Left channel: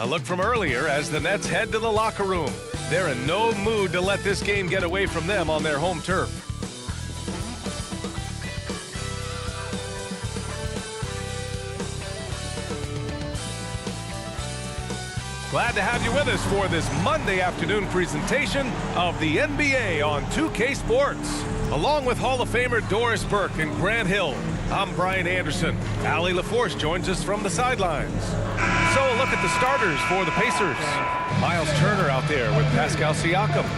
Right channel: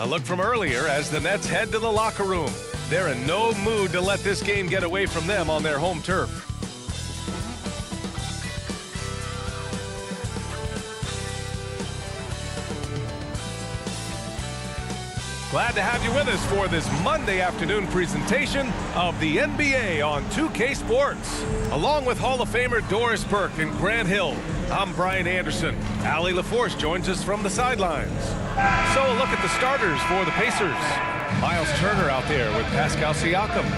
A look from earlier as the Nets head to the locker room. They're in no mood to let this game get away from them on their home turf. Glad to have you with us for this Monday afternoon presentation of the NBA on 2K Sports. Along with Hall of Famer Doris Burke and Grant Hill, I'm Brian Anderson. Allie LaForce joins us from the sidelines. So a look at the starters for the Pacers. Miles Turner out there with Pascal Siakam.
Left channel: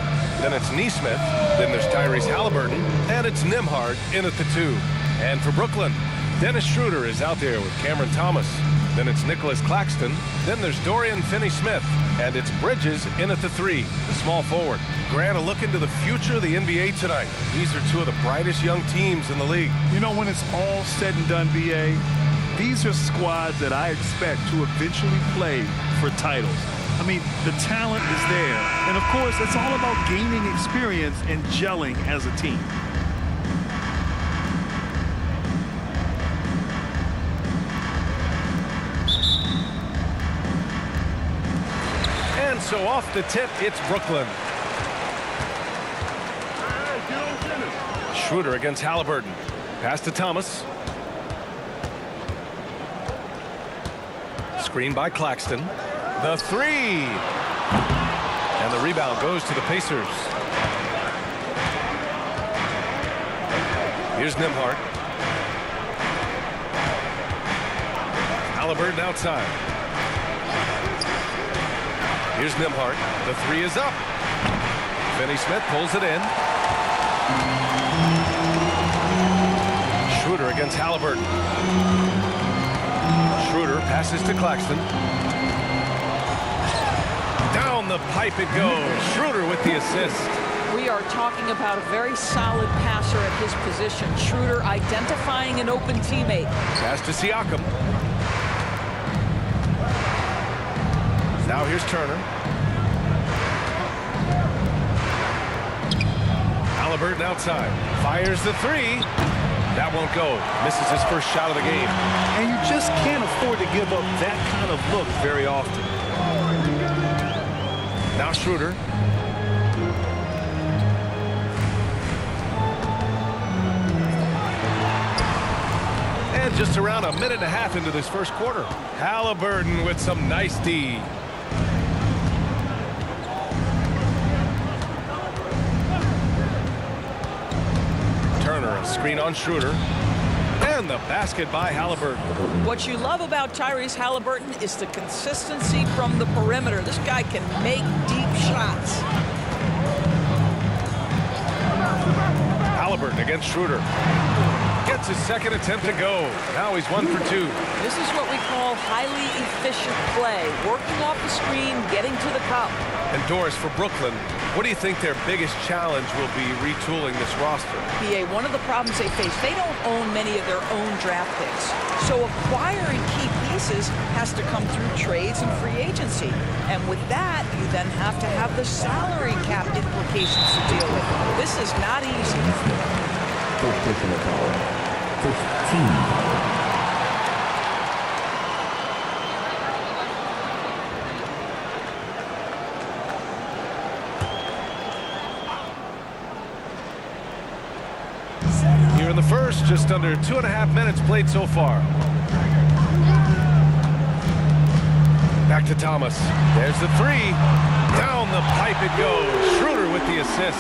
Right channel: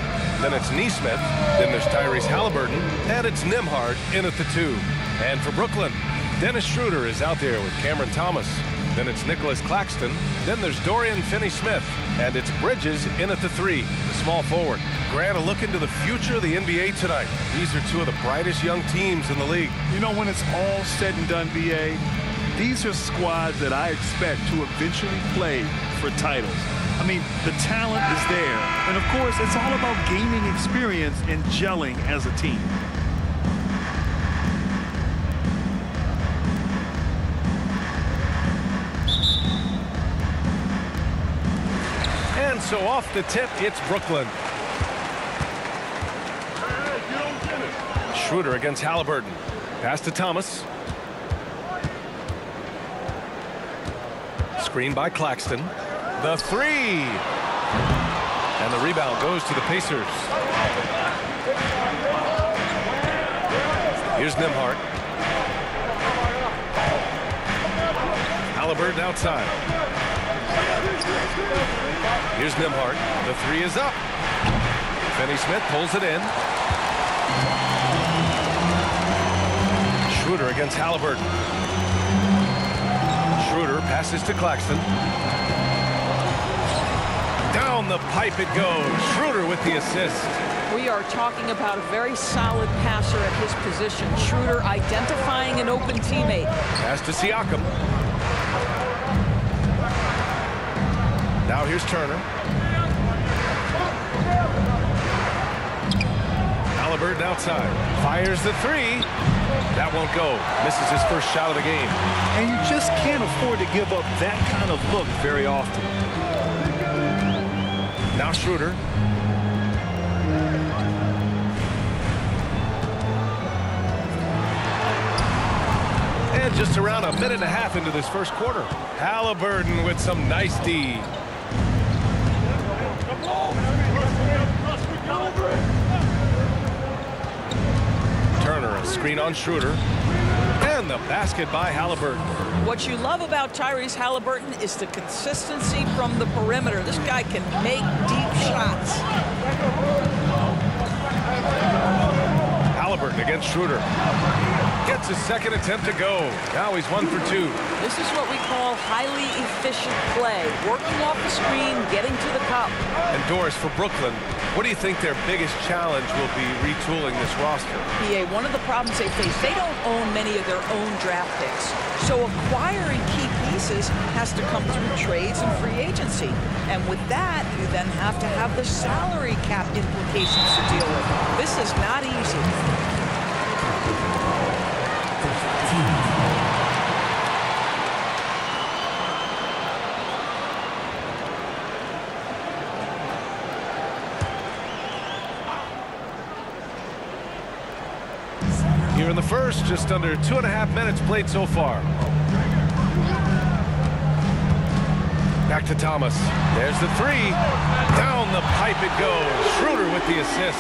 Then it's Nesmith. Then there's Tyrese Halliburton. And it's Nembhard in at the 2. And for Brooklyn, Dennis Schroeder is out there with Cameron Thomas. Then it's Nicholas Claxton. Then there's Dorian Finney-Smith. And it's Bridges in at the 3, the small forward. Grant, a look into the future of the NBA tonight. These are two of the brightest young teams in the league. You know, when it's all said and done, BA, these are squads that I expect to eventually play for titles. I mean, the talent is there. And, of course, it's all about gaining experience and gelling as a team. And so off the tip, it's Brooklyn. Schroeder against Halliburton. Pass to Thomas. Screen by Claxton. The 3. And the rebound goes to the Pacers. Here's Nembhard. Halliburton outside. Here's Nembhard. The 3 is up. Finney-Smith pulls it in. Schroeder against Halliburton. Schroeder passes to Claxton. Down the pipe it goes. Schroeder with the assist. We are talking about a very solid passer at his position. Schroeder identifying an open teammate. Pass to Siakam. Now here's Turner. Halliburton outside. Fires the 3. That won't go. Misses his first shot of the game. And you just can't afford to give up that kind of look very often. Now Schroeder. And just around a minute and a half into this first quarter. Halliburton with some nice D. Turner, a screen on Schroeder. And the basket by Halliburton. What you love about Tyrese Halliburton is the consistency from the perimeter. This guy can make deep shots. Halliburton against Schroeder. Gets his second attempt to go. Now he's 1 for 2. This is what we call highly efficient play. Working off the screen, getting to the cup. And Doris, for Brooklyn, what do you think their biggest challenge will be retooling this roster? PA, one of the problems they face, they don't own many of their own draft picks. So acquiring key pieces has to come through trades and free agency. And with that, you then have to have the salary cap implications to deal with. This is not easy. First team. Here in the first, just under 2.5 minutes played so far. Back to Thomas. There's the 3. Down the pipe it goes. Schroeder with the assist.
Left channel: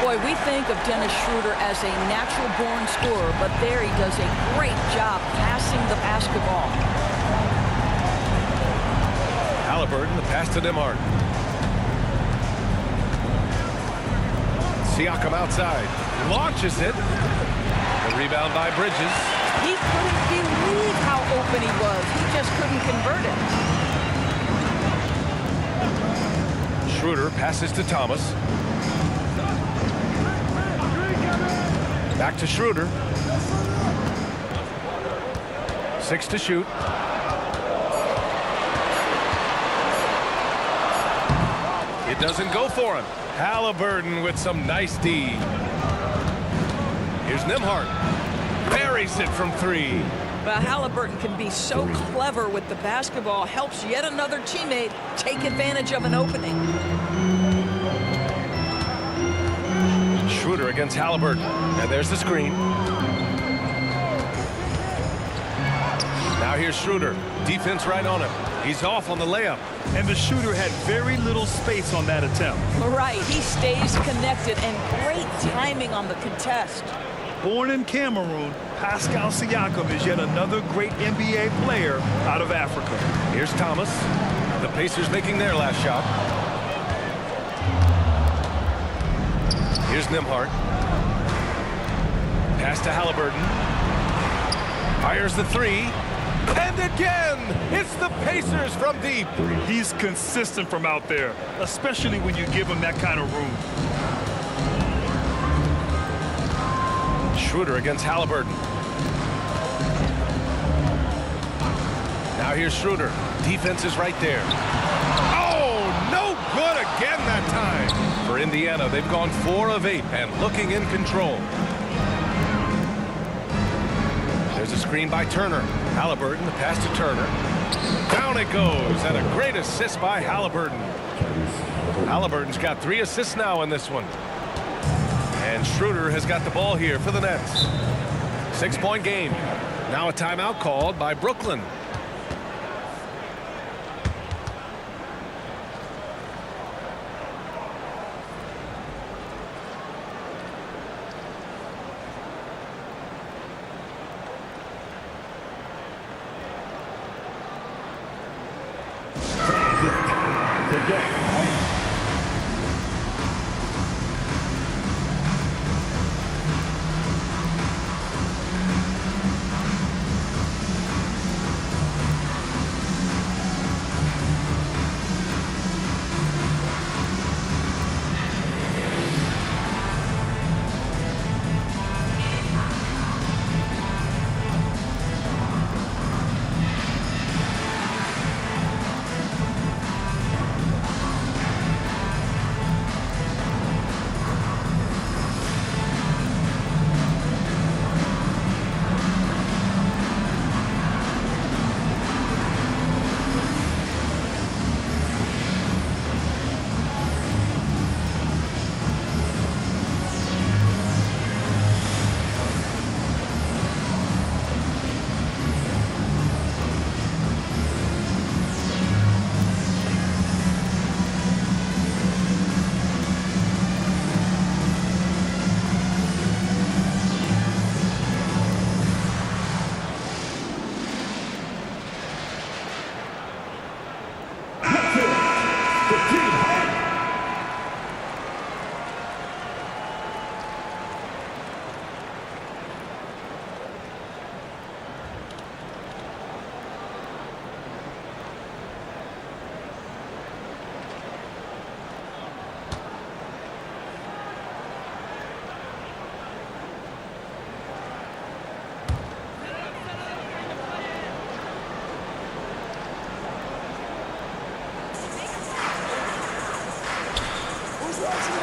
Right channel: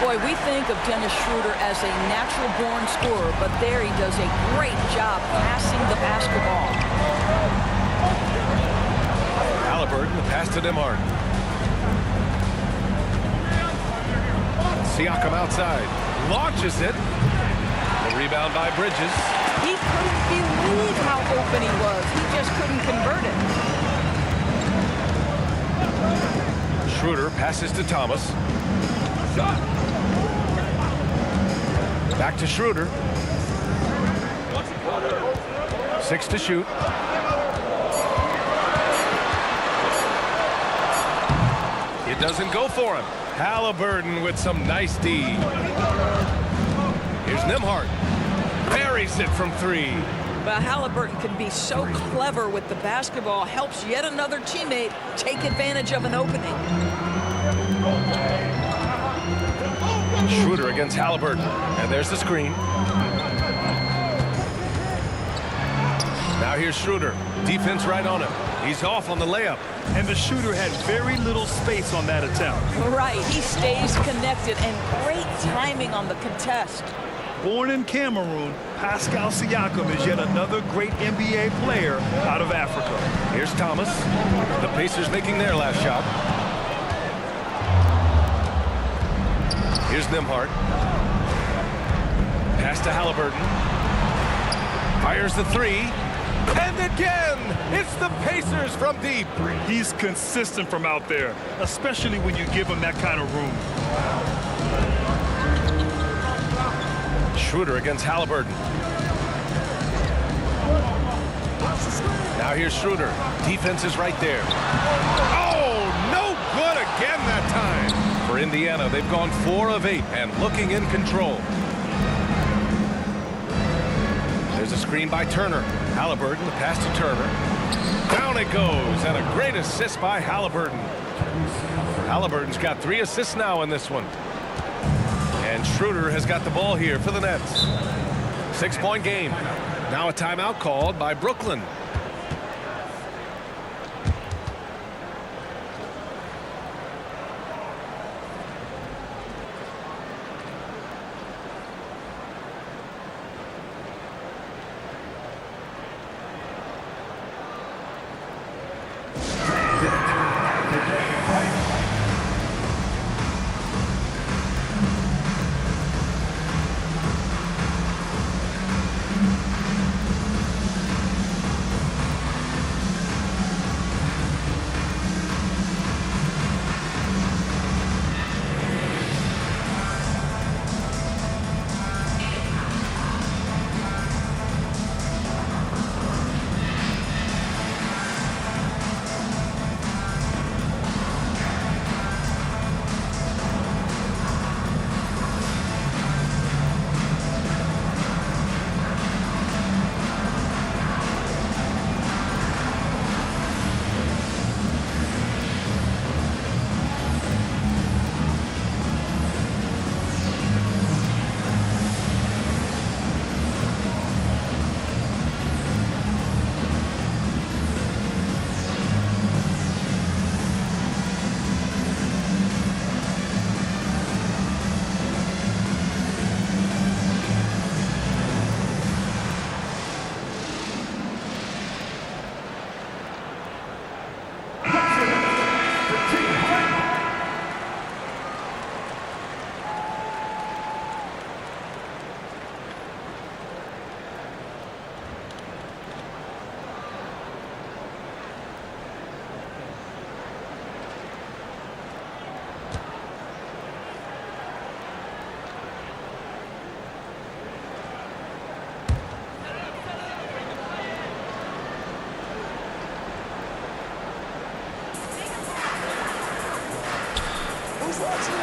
Boy, we think of Dennis Schroeder as a natural-born scorer, but there he does a great job passing the basketball. Halliburton, the pass to Nembhard. Siakam outside. Launches it. The rebound by Bridges. He couldn't believe how open he was. He just couldn't convert it. Schroeder passes to Thomas. Back to Schroeder. 6 to shoot. It doesn't go for him. Halliburton with some nice D. Here's Nembhard. Buries it from 3. But Halliburton can be so clever with the basketball, helps yet another teammate take advantage of an opening. Schroeder against Halliburton. And there's the screen. Now here's Schroeder. Defense right on him. He's off on the layup. And the shooter had very little space on that attempt. Right, he stays connected, and great timing on the contest. Born in Cameroon, Pascal Siakam is yet another great NBA player out of Africa. Here's Thomas. The Pacers making their last shot. Here's Nembhard. Pass to Halliburton. Fires the three. And again, it's the Pacers from deep. He's consistent from out there, especially when you give him that kind of room. Schroeder against Halliburton. Now here's Schroeder. Defense is right there. Oh, no good again that time. For Indiana, they've gone 4 of 8 and looking in control. There's a screen by Turner. Halliburton, the pass to Turner. Down it goes, and a great assist by Halliburton. Halliburton's got 3 assists now in this one. And Schroeder has got the ball here for the Nets. 6-point game. Now a timeout called by Brooklyn.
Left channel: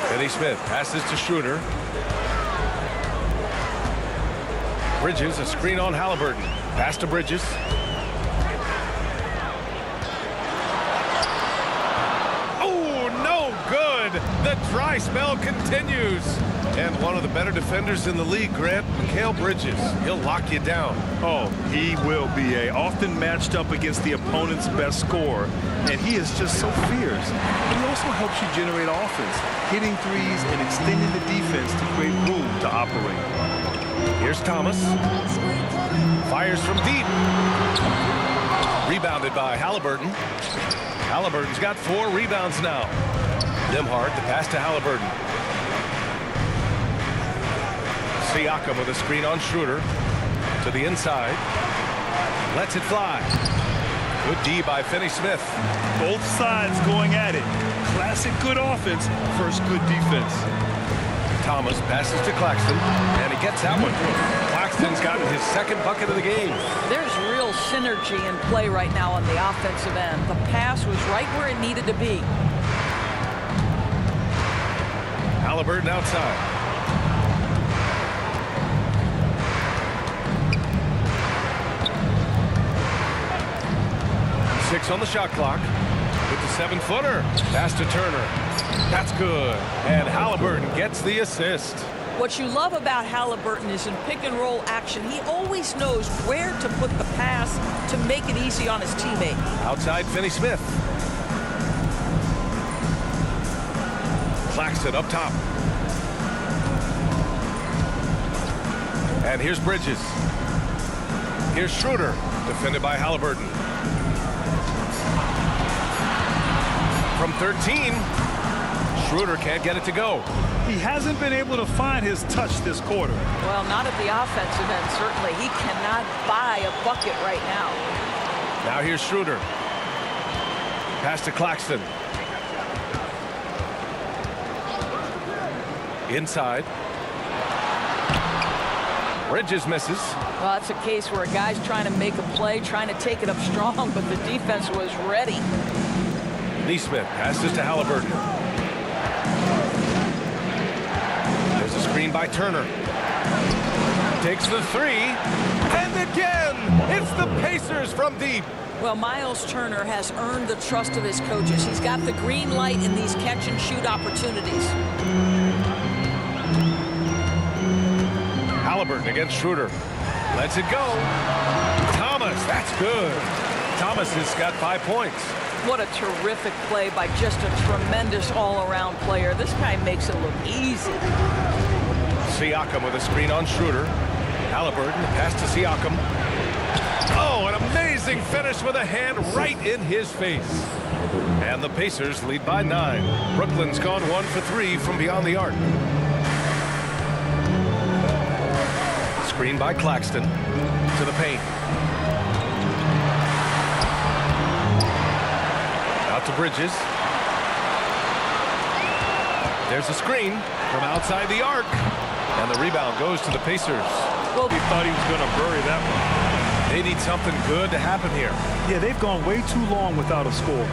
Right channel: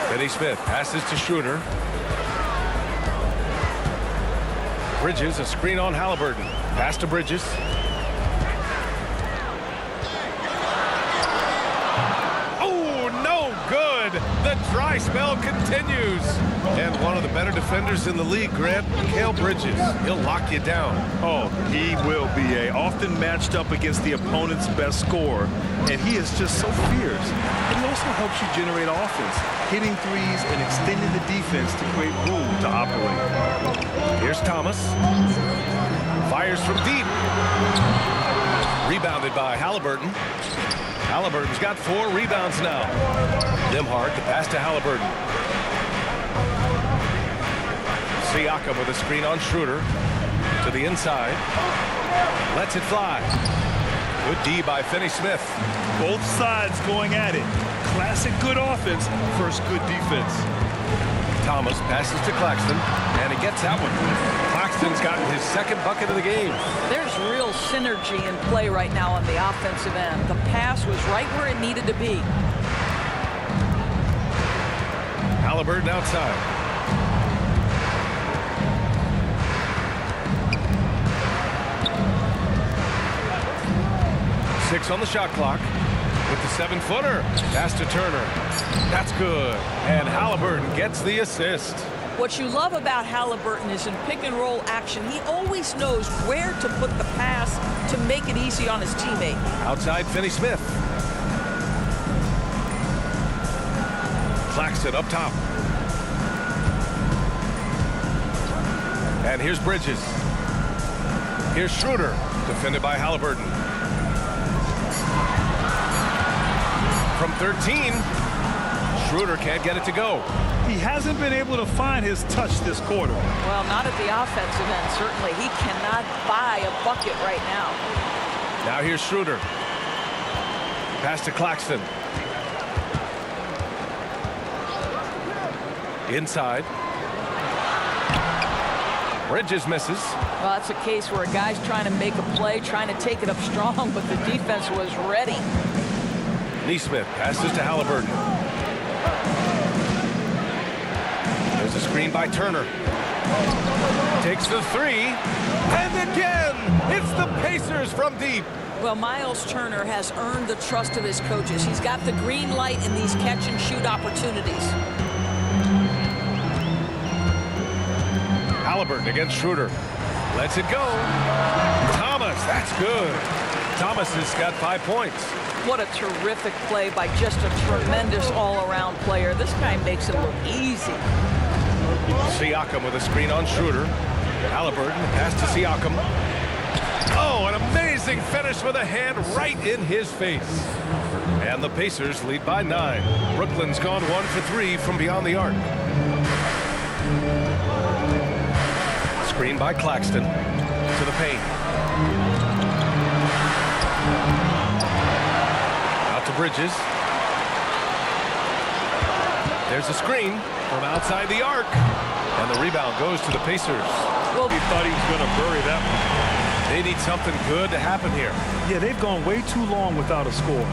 Finney Smith passes to Schroeder. Bridges, a screen on Halliburton. Pass to Bridges. Oh, no good. The dry spell continues. And one of the better defenders in the league, Grant, Mikal Bridges. He'll lock you down. Oh, he will be often matched up against the opponent's best scorer. And he is just so fierce. But he also helps you generate offense, hitting threes and extending the defense to create room to operate. Here's Thomas. Fires from deep. Rebounded by Halliburton. Halliburton's got 4 rebounds now. Nembhard, the pass to Halliburton. Siakam with a screen on Schroeder. To the inside. Lets it fly. Good D by Finney Smith. Both sides going at it. Classic good offense versus good defense. Thomas passes to Claxton, and he gets that one. Claxton's gotten his 2nd bucket of the game. There's real synergy in play right now on the offensive end. The pass was right where it needed to be. Halliburton outside. 6 on the shot clock. With the 7-footer. Pass to Turner. That's good. And Halliburton gets the assist. What you love about Halliburton is in pick and roll action, he always knows where to put the pass to make it easy on his teammate. Outside, Finney-Smith. Claxton up top. And here's Bridges. Here's Schroeder, defended by Halliburton. From 13, Schroeder can't get it to go. He hasn't been able to find his touch this quarter. Well, not at the offensive end, certainly. He cannot buy a bucket right now. Now here's Schroeder. Pass to Claxton. Inside. Bridges misses. Well, that's a case where a guy's trying to make a play, trying to take it up strong, but the defense was ready. Nesmith passes to Halliburton. There's a screen by Turner. Takes the 3. And again, it's the Pacers from deep. Well, Miles Turner has earned the trust of his coaches. He's got the green light in these catch-and-shoot opportunities. Halliburton against Schroeder. Lets it go. Thomas, that's good. Thomas has got 5 points. What a terrific play by just a tremendous all-around player. This guy makes it look easy. Siakam with a screen on Schroeder. Halliburton, pass to Siakam. Oh, an amazing finish with a hand right in his face. And the Pacers lead by 9. Brooklyn's gone 1 for 3 from beyond the arc. Screen by Claxton to the paint. Out to Bridges. There's a screen from outside the arc. And the rebound goes to the Pacers. Well, he thought he was going to bury that one. They need something good to happen here. Yeah, they've gone way too long without a score.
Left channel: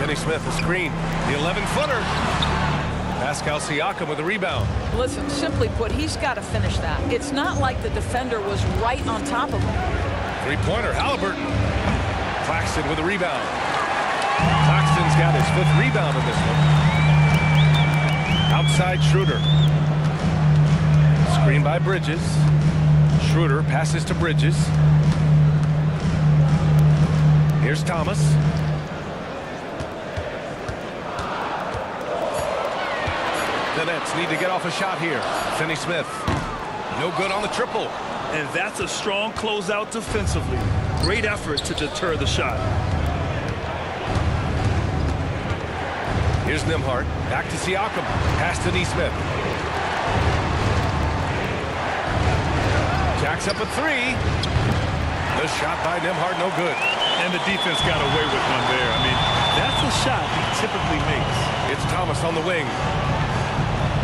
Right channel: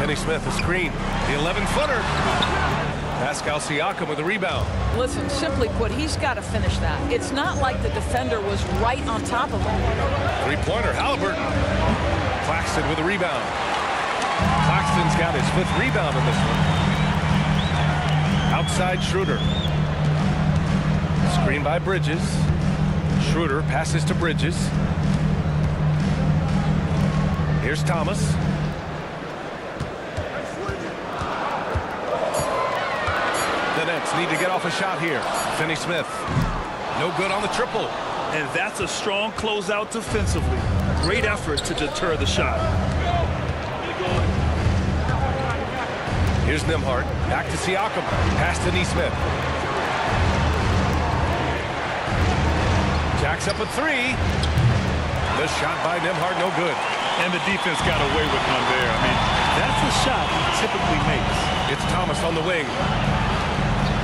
Finney-Smith, a screen. The 11-footer. Pascal Siakam with a rebound. Listen, simply put, he's got to finish that. It's not like the defender was right on top of him. 3-pointer, Halliburton. Claxton with a rebound. Claxton's got his 5th rebound in this one. Outside Schroeder. Screen by Bridges. Schroeder passes to Bridges. Here's Thomas. The Nets need to get off a shot here. Finney-Smith. No good on the triple. And that's a strong closeout defensively. Great effort to deter the shot. Here's Nembhard. Back to Siakam. Pass to Nesmith. Jacks up a 3. The shot by Nembhard, no good. And the defense got away with one there. I mean, that's the shot he typically makes. It's Thomas on the wing.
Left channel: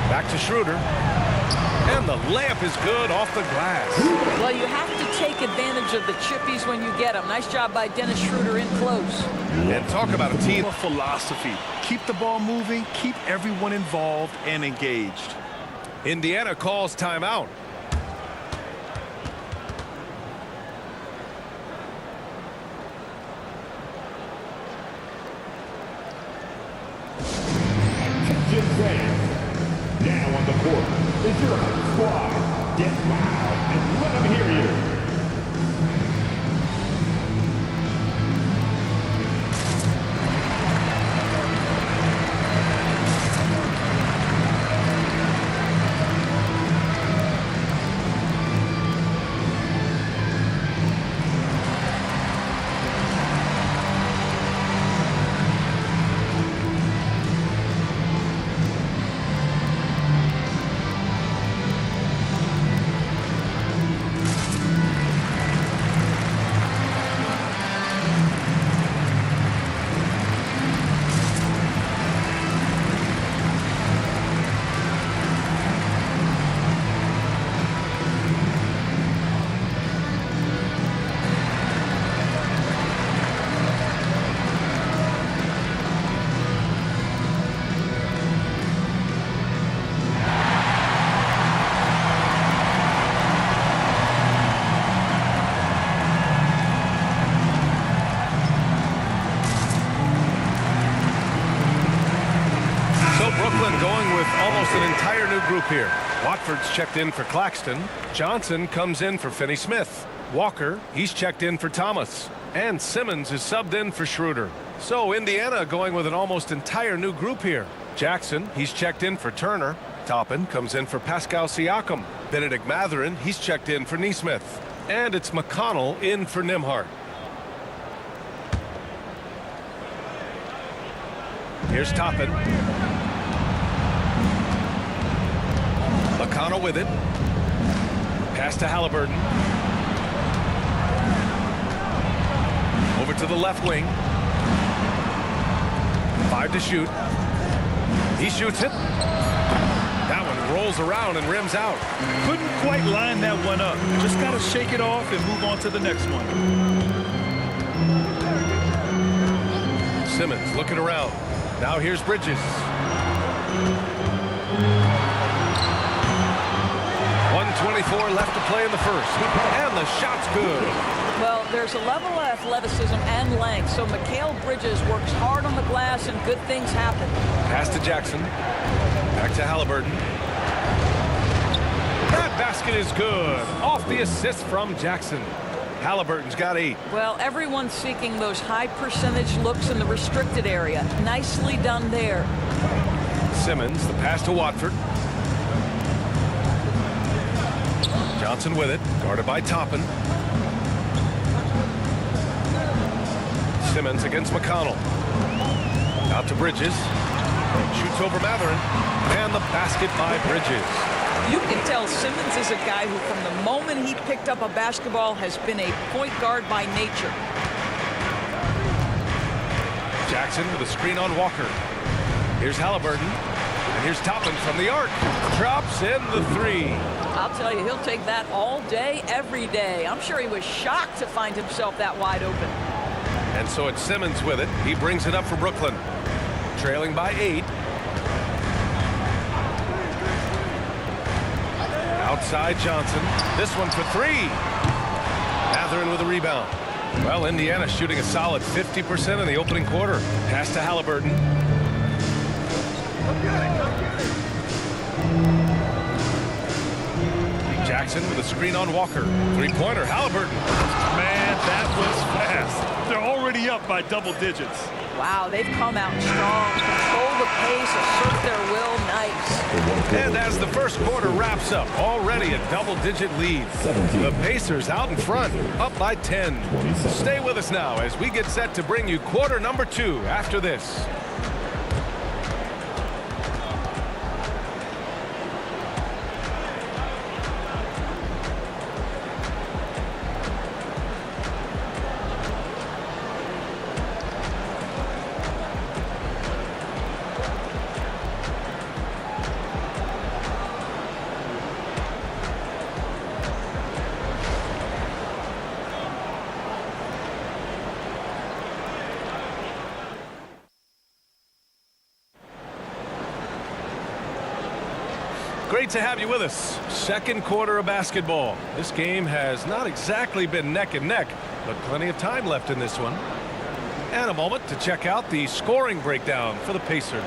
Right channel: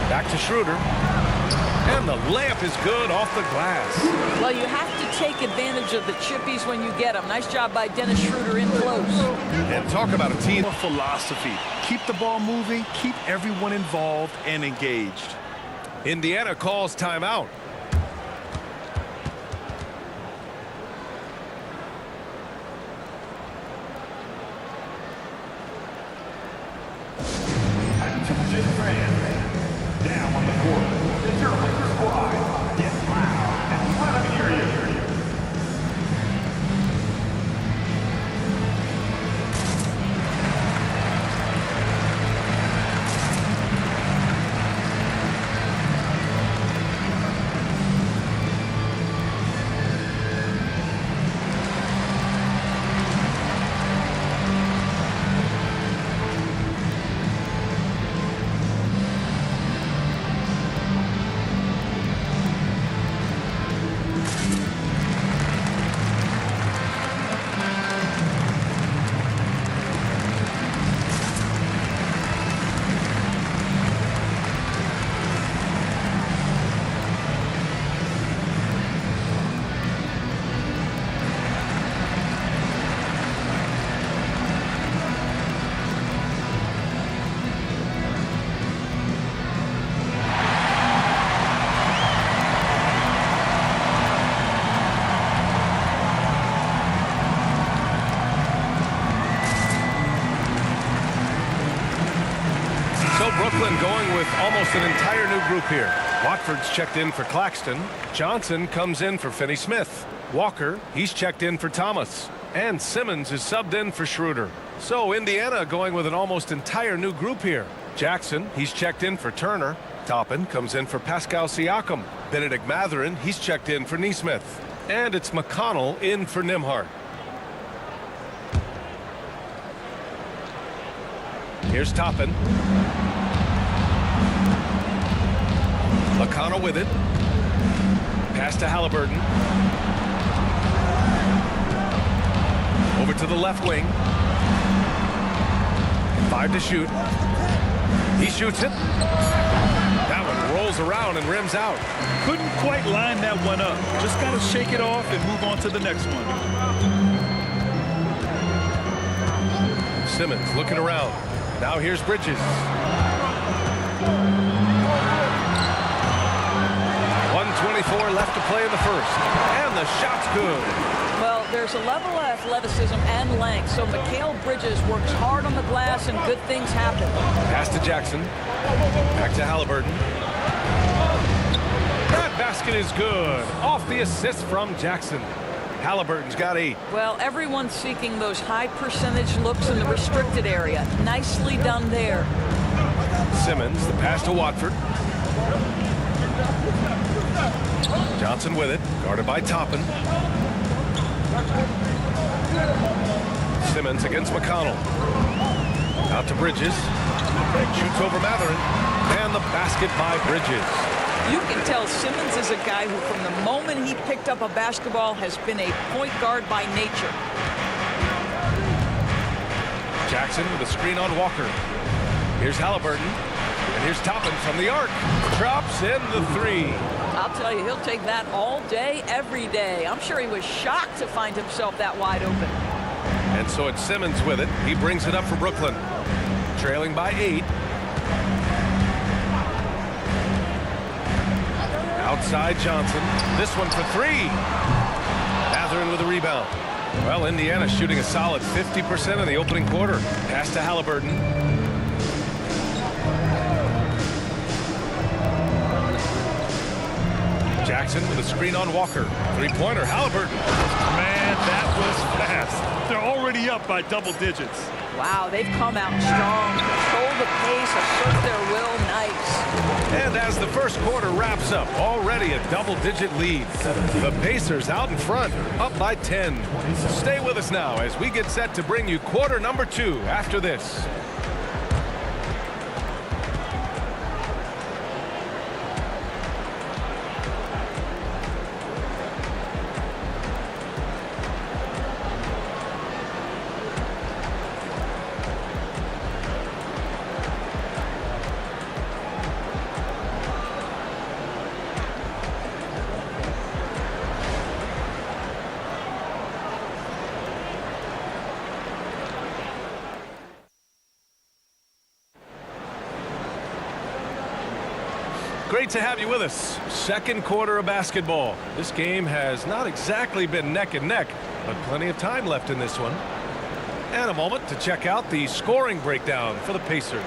Back to Schroeder. And the layup is good off the glass. Well, you have to take advantage of the chippies when you get them. Nice job by Dennis Schroeder in close. And talk about a team philosophy. Keep the ball moving, keep everyone involved and engaged. Indiana calls timeout. Now on the court, it's your home squad. Get loud and let them hear you. Brooklyn going with almost an entire new group here. Watford's checked in for Claxton. Johnson comes in for Finney-Smith. Walker, he's checked in for Thomas. And Simmons is subbed in for Schroeder. So Indiana going with an almost entire new group here. Jackson, he's checked in for Turner. Toppin comes in for Pascal Siakam. Benedict Mathurin, he's checked in for Nesmith. And it's McConnell in for Nembhard. Here's Toppin. McConnell with it. Pass to Halliburton. Over to the left wing. 5 to shoot. He shoots it. That one rolls around and rims out. Couldn't quite line that one up. Just got to shake it off and move on to the next one. Simmons looking around. Now here's Bridges. 1:24 left to play in the first. And the shot's good. Well, there's a level of athleticism and length, so Mikal Bridges works hard on the glass and good things happen. Pass to Jackson. Back to Halliburton. That basket is good. Off the assist from Jackson. Halliburton's got 8. Well, everyone's seeking those high percentage looks in the restricted area. Nicely done there. Simmons, the pass to Watford. Johnson with it, guarded by Toppin. Simmons against McConnell. Out to Bridges. Shoots over Mathurin. And the basket by Bridges. You can tell Simmons is a guy who, from the moment he picked up a basketball, has been a point guard by nature. Jackson with a screen on Walker. Here's Halliburton. And here's Toppin from the arc. Drops in the 3. I'll tell you, he'll take that all day, every day. I'm sure he was shocked to find himself that wide open. And so it's Simmons with it. He brings it up for Brooklyn. Trailing by 8. Outside Johnson. This one for 3. Mathurin with a rebound. Well, Indiana shooting a solid 50% in the opening quarter. Pass to Halliburton. Jackson with a screen on Walker. 3-pointer, Halliburton. Man, that was fast. They're already up by double digits. Wow, they've come out strong. Control the pace, assert their will. Nice. And as the first quarter wraps up, already a double-digit lead. The Pacers out in front, up by 10. Stay with us now as we get set to bring you quarter number 2 after this. Great to have you with us. Second quarter of basketball. This game has not exactly been neck and neck, but plenty of time left in this one. And a moment to check out the scoring breakdown for the Pacers.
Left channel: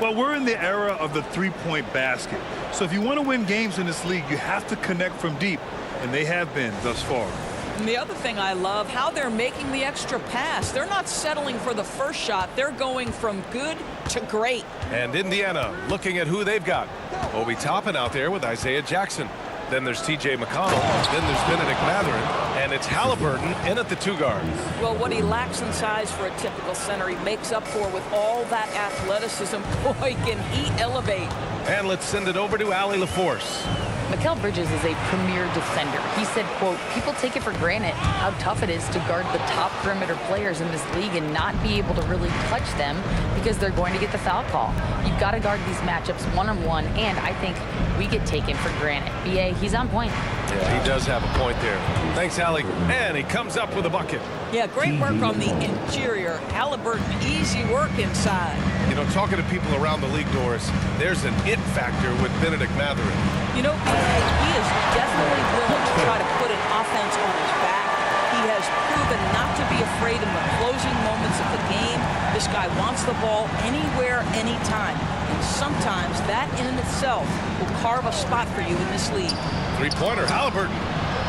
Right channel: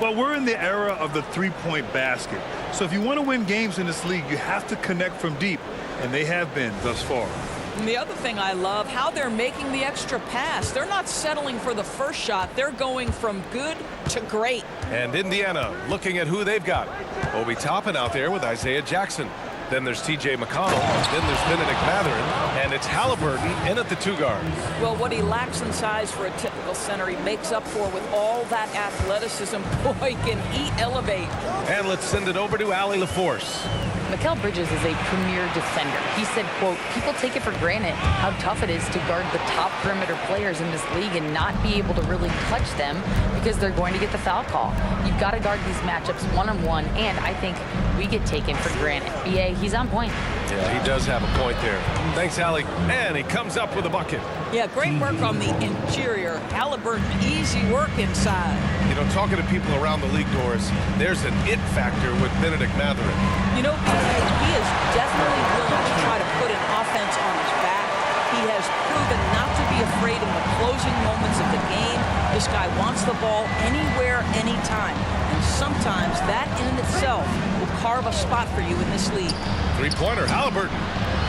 Well, we're in the era of the three-point basket. So if you want to win games in this league, you have to connect from deep, and they have been thus far. And the other thing I love, how they're making the extra pass. They're not settling for the first shot. They're going from good to great. And Indiana looking at who they've got. Obi Toppin out there with Isaiah Jackson. Then there's T.J. McConnell. Then there's Benedict Mathurin. And it's Halliburton in at the 2 guard. Well, what he lacks in size for a typical center, he makes up for with all that athleticism. Boy, can he elevate. And let's send it over to Allie LaForce. Mikal Bridges is a premier defender. He said, quote, people take it for granted how tough it is to guard the top perimeter players in this league and not be able to really touch them because they're going to get the foul call. You've got to guard these matchups one-on-one, and I think we get taken for granted. B.A., he's on point. Yeah, he does have a point there. Thanks, Allie. And he comes up with a bucket. Yeah, great work on the interior. Halliburton, easy work inside. You know, talking to people around the league, Doris, there's an it factor with Benedict Mathurin. You know, he is definitely willing to try to put an offense on his back. He has proven not to be afraid in the closing moments of the game. This guy wants the ball anywhere, anytime. And sometimes that in itself will carve a spot for you in this league. Three-pointer, Halliburton.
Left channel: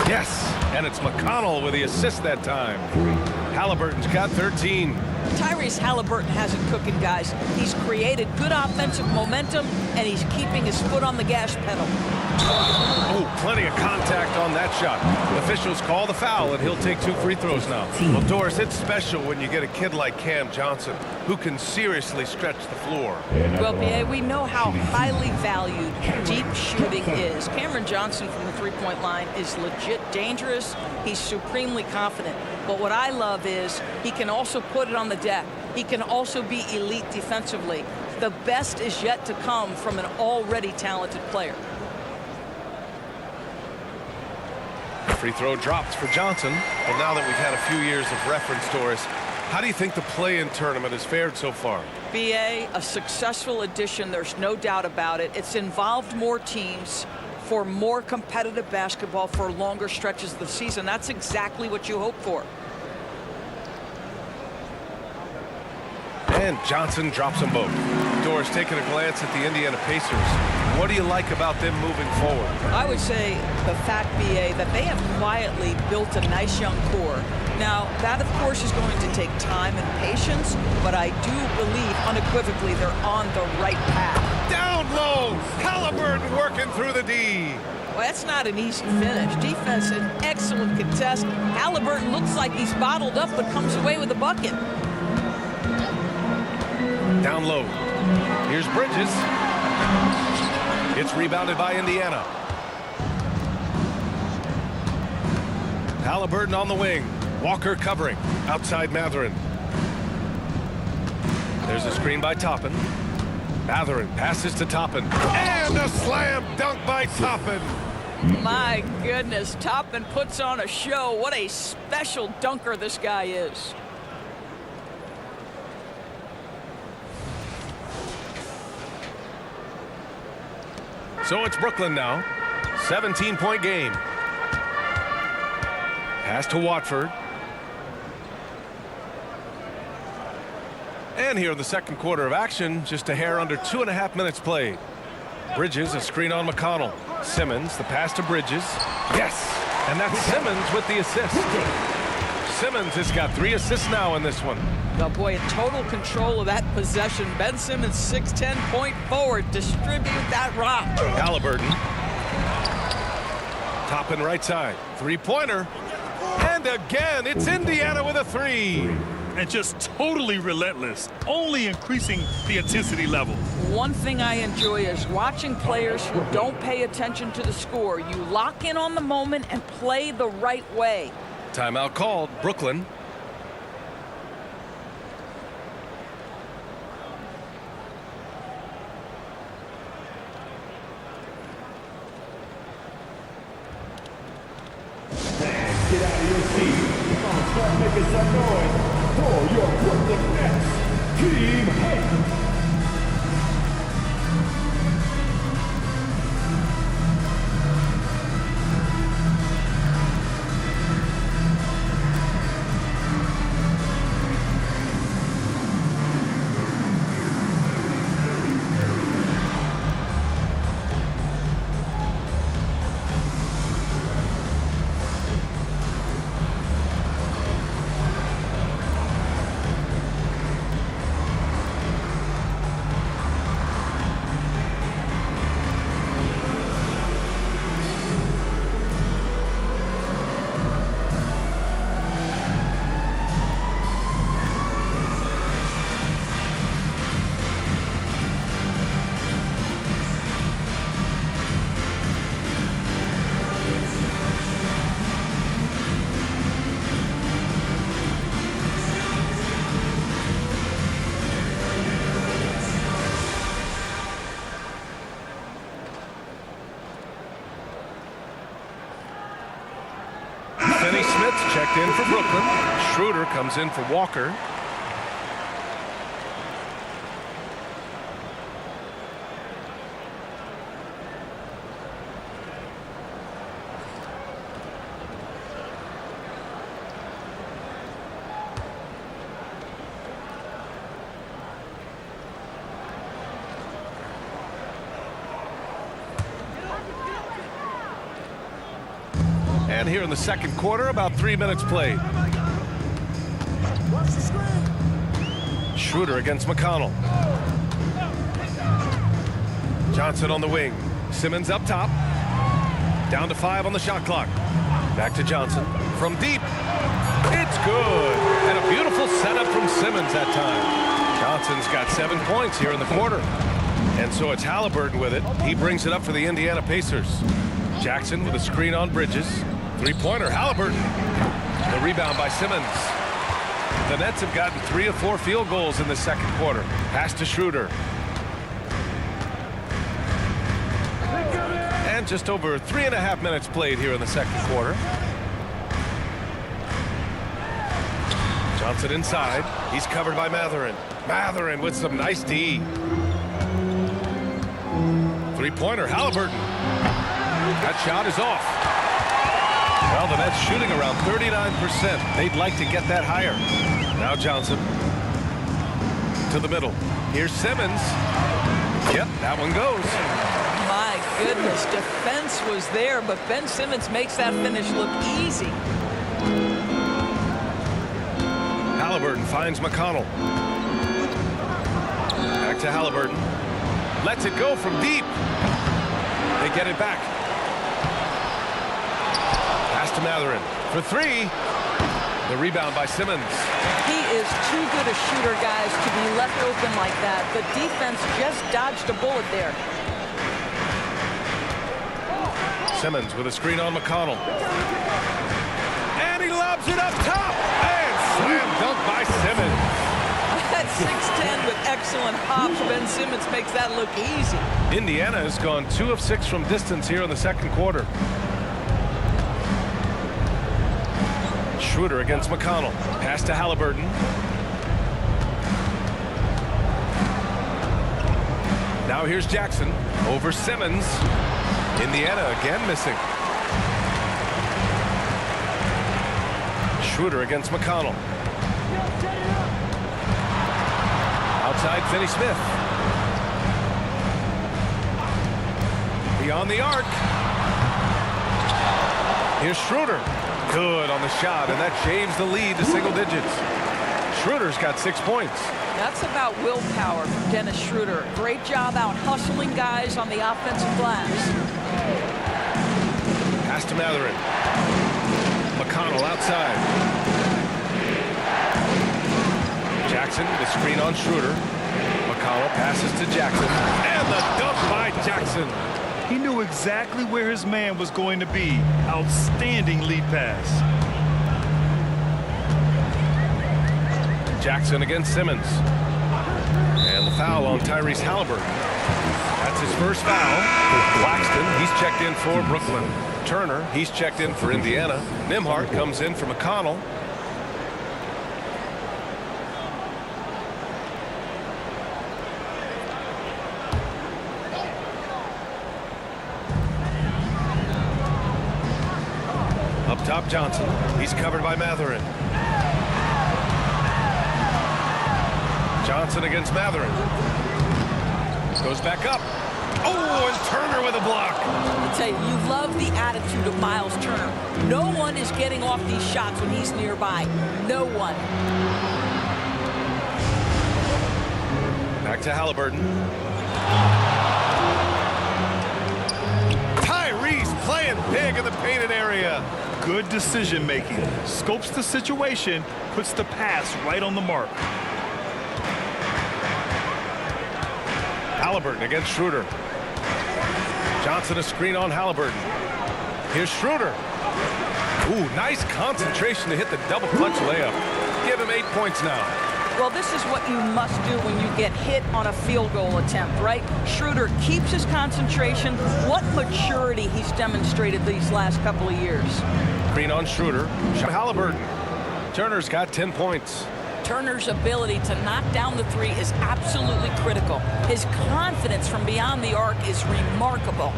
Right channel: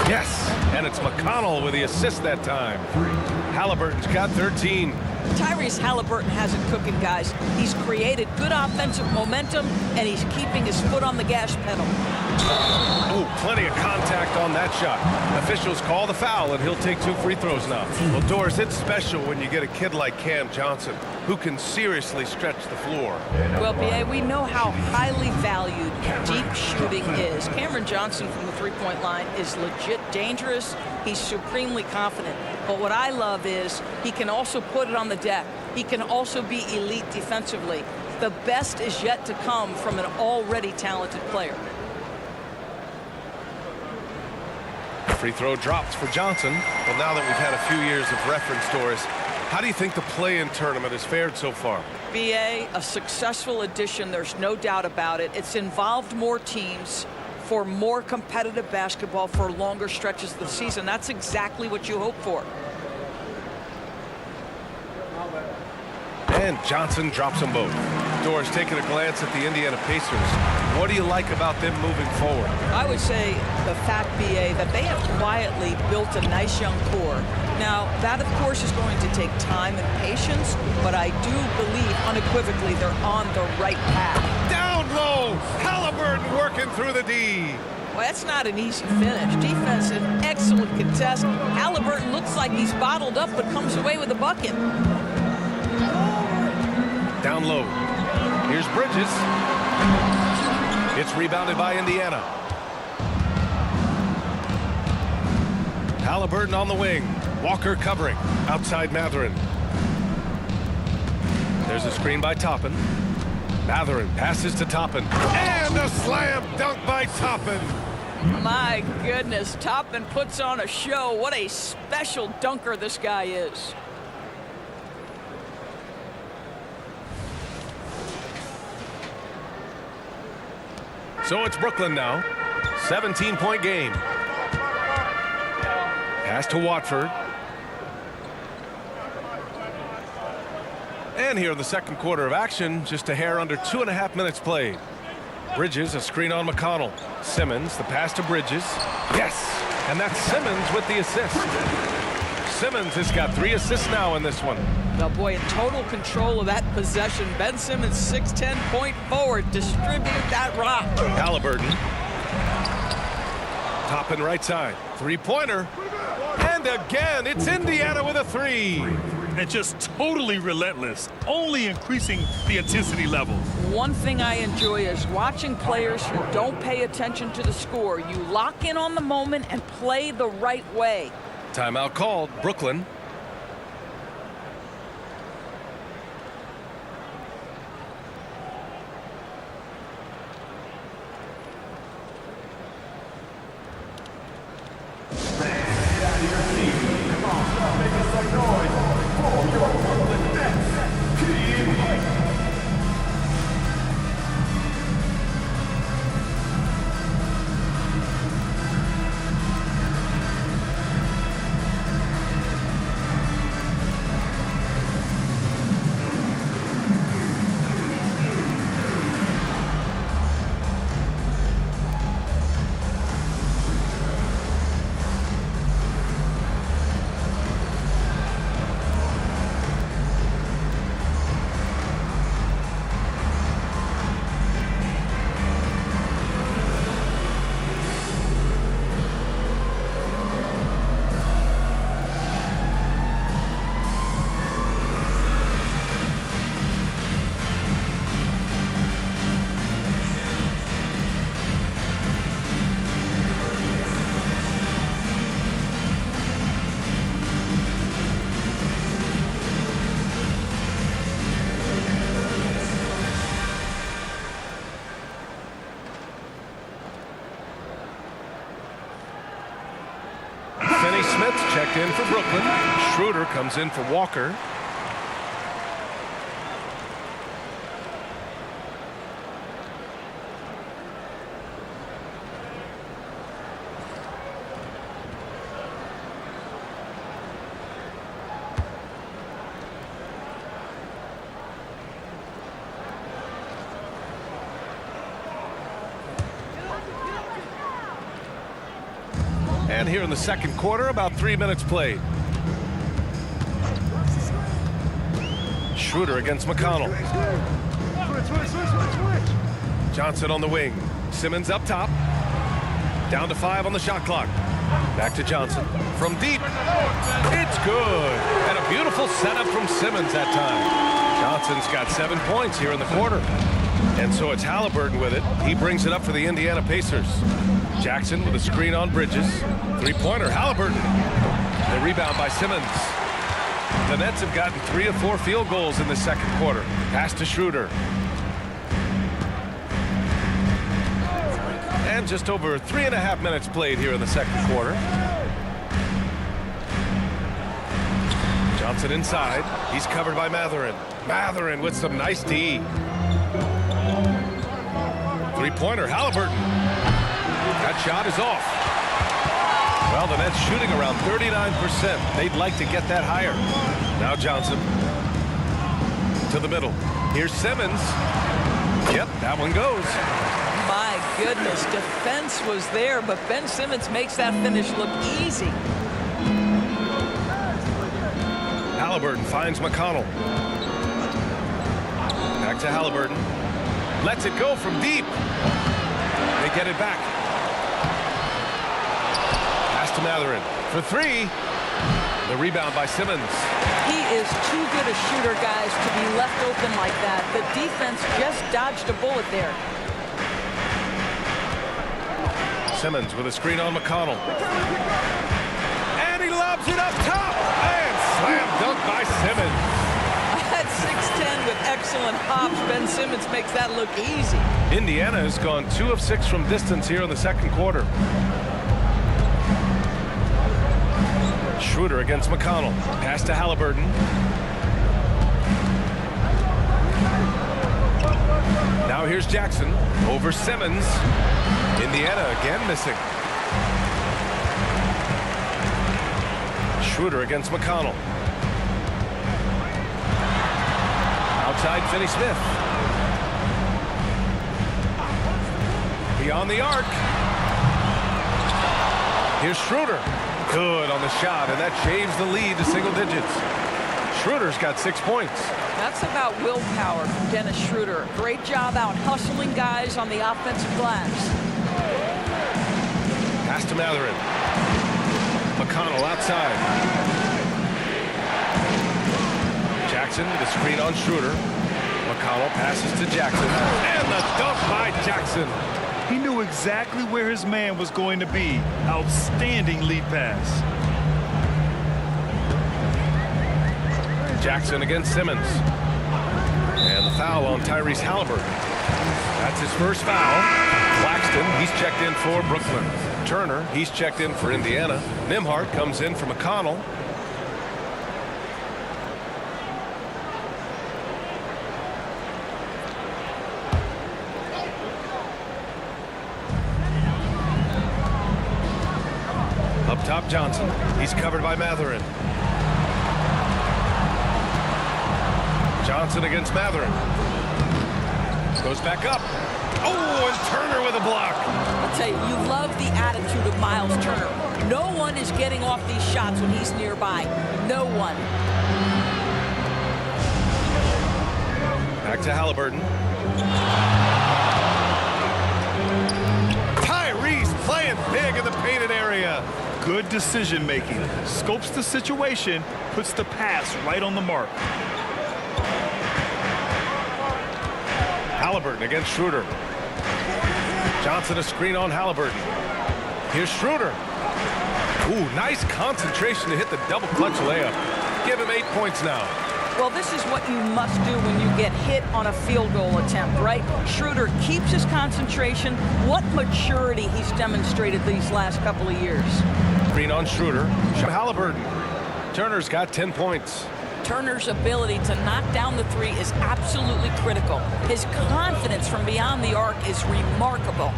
Yes, and it's McConnell with the assist that time. Halliburton's got 13. Tyrese Halliburton has it cooking, guys. He's created good offensive momentum, and he's keeping his foot on the gas pedal. Oh, plenty of contact on that shot. Officials call the foul, and he'll take 2 free throws now. Well, Doris, it's special when you get a kid like Cam Johnson who can seriously stretch the floor. Well, P.A., we know how highly valued deep shooting is. Cameron Johnson from the three-point line is legit dangerous. He's supremely confident. But what I love is he can also put it on the deck. He can also be elite defensively. The best is yet to come from an already talented player. Free throw drops for Johnson. Well, now that we've had a few years of reference, Doris, how do you think the play-in tournament has fared so far? BA, a successful addition, there's no doubt about it. It's involved more teams for more competitive basketball for longer stretches of the season. That's exactly what you hope for. And Johnson drops them both. Doris, taking a glance at the Indiana Pacers, what do you like about them moving forward? I would say the fact, BA, that they have quietly built a nice young core. Now, that, of course, is going to take time and patience, but I do believe unequivocally they're on the right path. Down low, Halliburton working through the D. Well, that's not an easy finish. Defense, an excellent contest. Halliburton looks like he's bottled up, but comes away with a bucket. Down low. Here's Bridges. It's rebounded by Indiana. Halliburton on the wing. Walker covering. Outside Mathurin. There's a screen by Toppin. Mathurin passes to Toppin. And a slam dunk by Toppin. My goodness, Toppin puts on a show. What a special dunker this guy is. So it's Brooklyn now. 17-point game. Pass to Watford. And here in the second quarter of action, just a hair under 2.5 minutes played. Bridges, a screen on McConnell. Simmons, the pass to Bridges. Yes, and that's Simmons with the assist. Simmons has got 3 assists now in this one. Oh boy, in total control of that possession. Ben Simmons, 6'10" point forward. Distribute that rock. Halliburton. Toppin right side. Three-pointer. And again, it's Indiana with a 3. And just totally relentless, only increasing the intensity level. One thing I enjoy is watching players who don't pay attention to the score. You lock in on the moment and play the right way. Timeout called. Brooklyn. Get out of your seat. Come on, start making some noise for your Brooklyn Nets. Keep hype. Finney Smith checked in for Brooklyn. Schroeder comes in for Walker. And here in the second quarter, about 3 minutes played. Schroeder against McConnell. Johnson on the wing. Simmons up top. Down to 5 on the shot clock. Back to Johnson. From deep. It's good. And a beautiful setup from Simmons that time. Johnson's got 7 points here in the quarter. And so it's Halliburton with it. He brings it up for the Indiana Pacers. Jackson with a screen on Bridges. Three-pointer, Halliburton. The rebound by Simmons. The Nets have gotten 3 of 4 field goals in the second quarter. Pass to Schroeder. And just over 3.5 minutes played here in the second quarter. Johnson inside. He's covered by Mathurin. Mathurin with some nice D. Three-pointer, Halliburton. That shot is off. Well, the Nets shooting around 39%. They'd like to get that higher. Now Johnson to the middle. Here's Simmons. Yep, that one goes. My goodness, defense was there, but Ben Simmons makes that finish look easy. Halliburton finds McConnell. Back to Halliburton. Lets it go from deep. They get it back. Pass to Mathurin for 3. The rebound by Simmons. He is too good a shooter, guys, to be left open like that. The defense just dodged a bullet there. Simmons with a screen on McConnell. And he lobs it up top. And slam dunk by Simmons. At 6'10" with excellent hops, Ben Simmons makes that look easy. Indiana has gone 2 of 6 from distance here in the second quarter. Schroeder against McConnell. Pass to Halliburton. Now here's Jackson over Simmons. Indiana again missing. Schroeder against McConnell. Outside Finney-Smith. Beyond the arc. Here's Schroeder. Good on the shot, and that shaves the lead to single digits. Schroeder's got 6 points. That's about willpower from Dennis Schroeder. Great job out hustling guys on the offensive glass. Pass to Mathurin. McConnell outside. Jackson with a screen on Schroeder. McConnell passes to Jackson. And the dunk by Jackson. He knew exactly where his man was going to be. Outstanding lead pass. Jackson against Simmons. And the foul on Tyrese Halliburton. That's his first foul. Claxton, he's checked in for Brooklyn. Turner, he's checked in for Indiana. Nembhard comes in for McConnell. Up top, Johnson. He's covered by Mathurin. Johnson against Mathurin. Goes back up. Oh, and Turner with a block. I'll tell you, you love the attitude of Miles Turner. No one is getting off these shots when he's nearby. No one. Back to Halliburton. Tyrese playing big in the painted area. Good decision making. Scopes the situation, puts the pass right on the mark. Halliburton against Schroeder. Johnson a screen on Halliburton. Here's Schroeder. Ooh, nice concentration to hit the double clutch layup. Give him 8 points now. Well, this is what you must do when you get hit on a field goal attempt, right? Schroeder keeps his concentration. What maturity he's demonstrated these last couple of years. Screen on Schroeder. Halliburton. Turner's got 10 points. Turner's ability to knock down the 3 is absolutely critical. His confidence from beyond the arc is remarkable.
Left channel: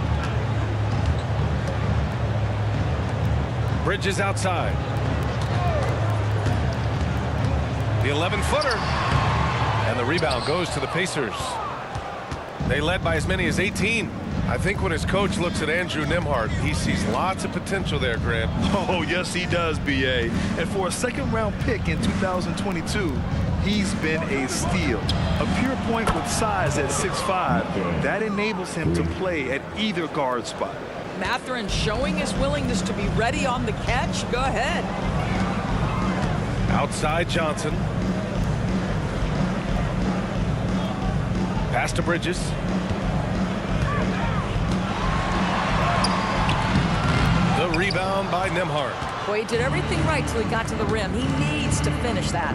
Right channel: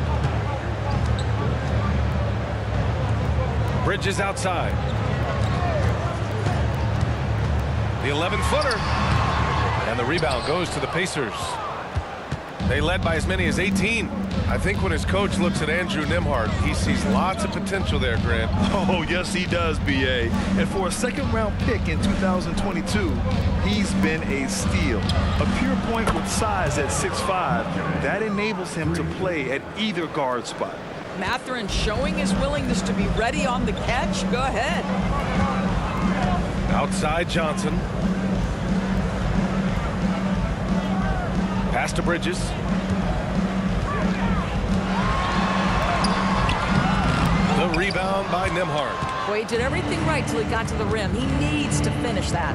Bridges outside. The 11-footer. And the rebound goes to the Pacers. They led by as many as 18. I think when his coach looks at Andrew Nembhard, he sees lots of potential there, Grant. Oh, yes, he does, B.A. And for a second-round pick in 2022, he's been a steal. A pure point with size at 6'5", that enables him to play at either guard spot. Mathurin showing his willingness to be ready on the catch. Go ahead. Outside Johnson. Pass to Bridges. The rebound by Nembhard. Boy, he did everything right till he got to the rim. He needs to finish that.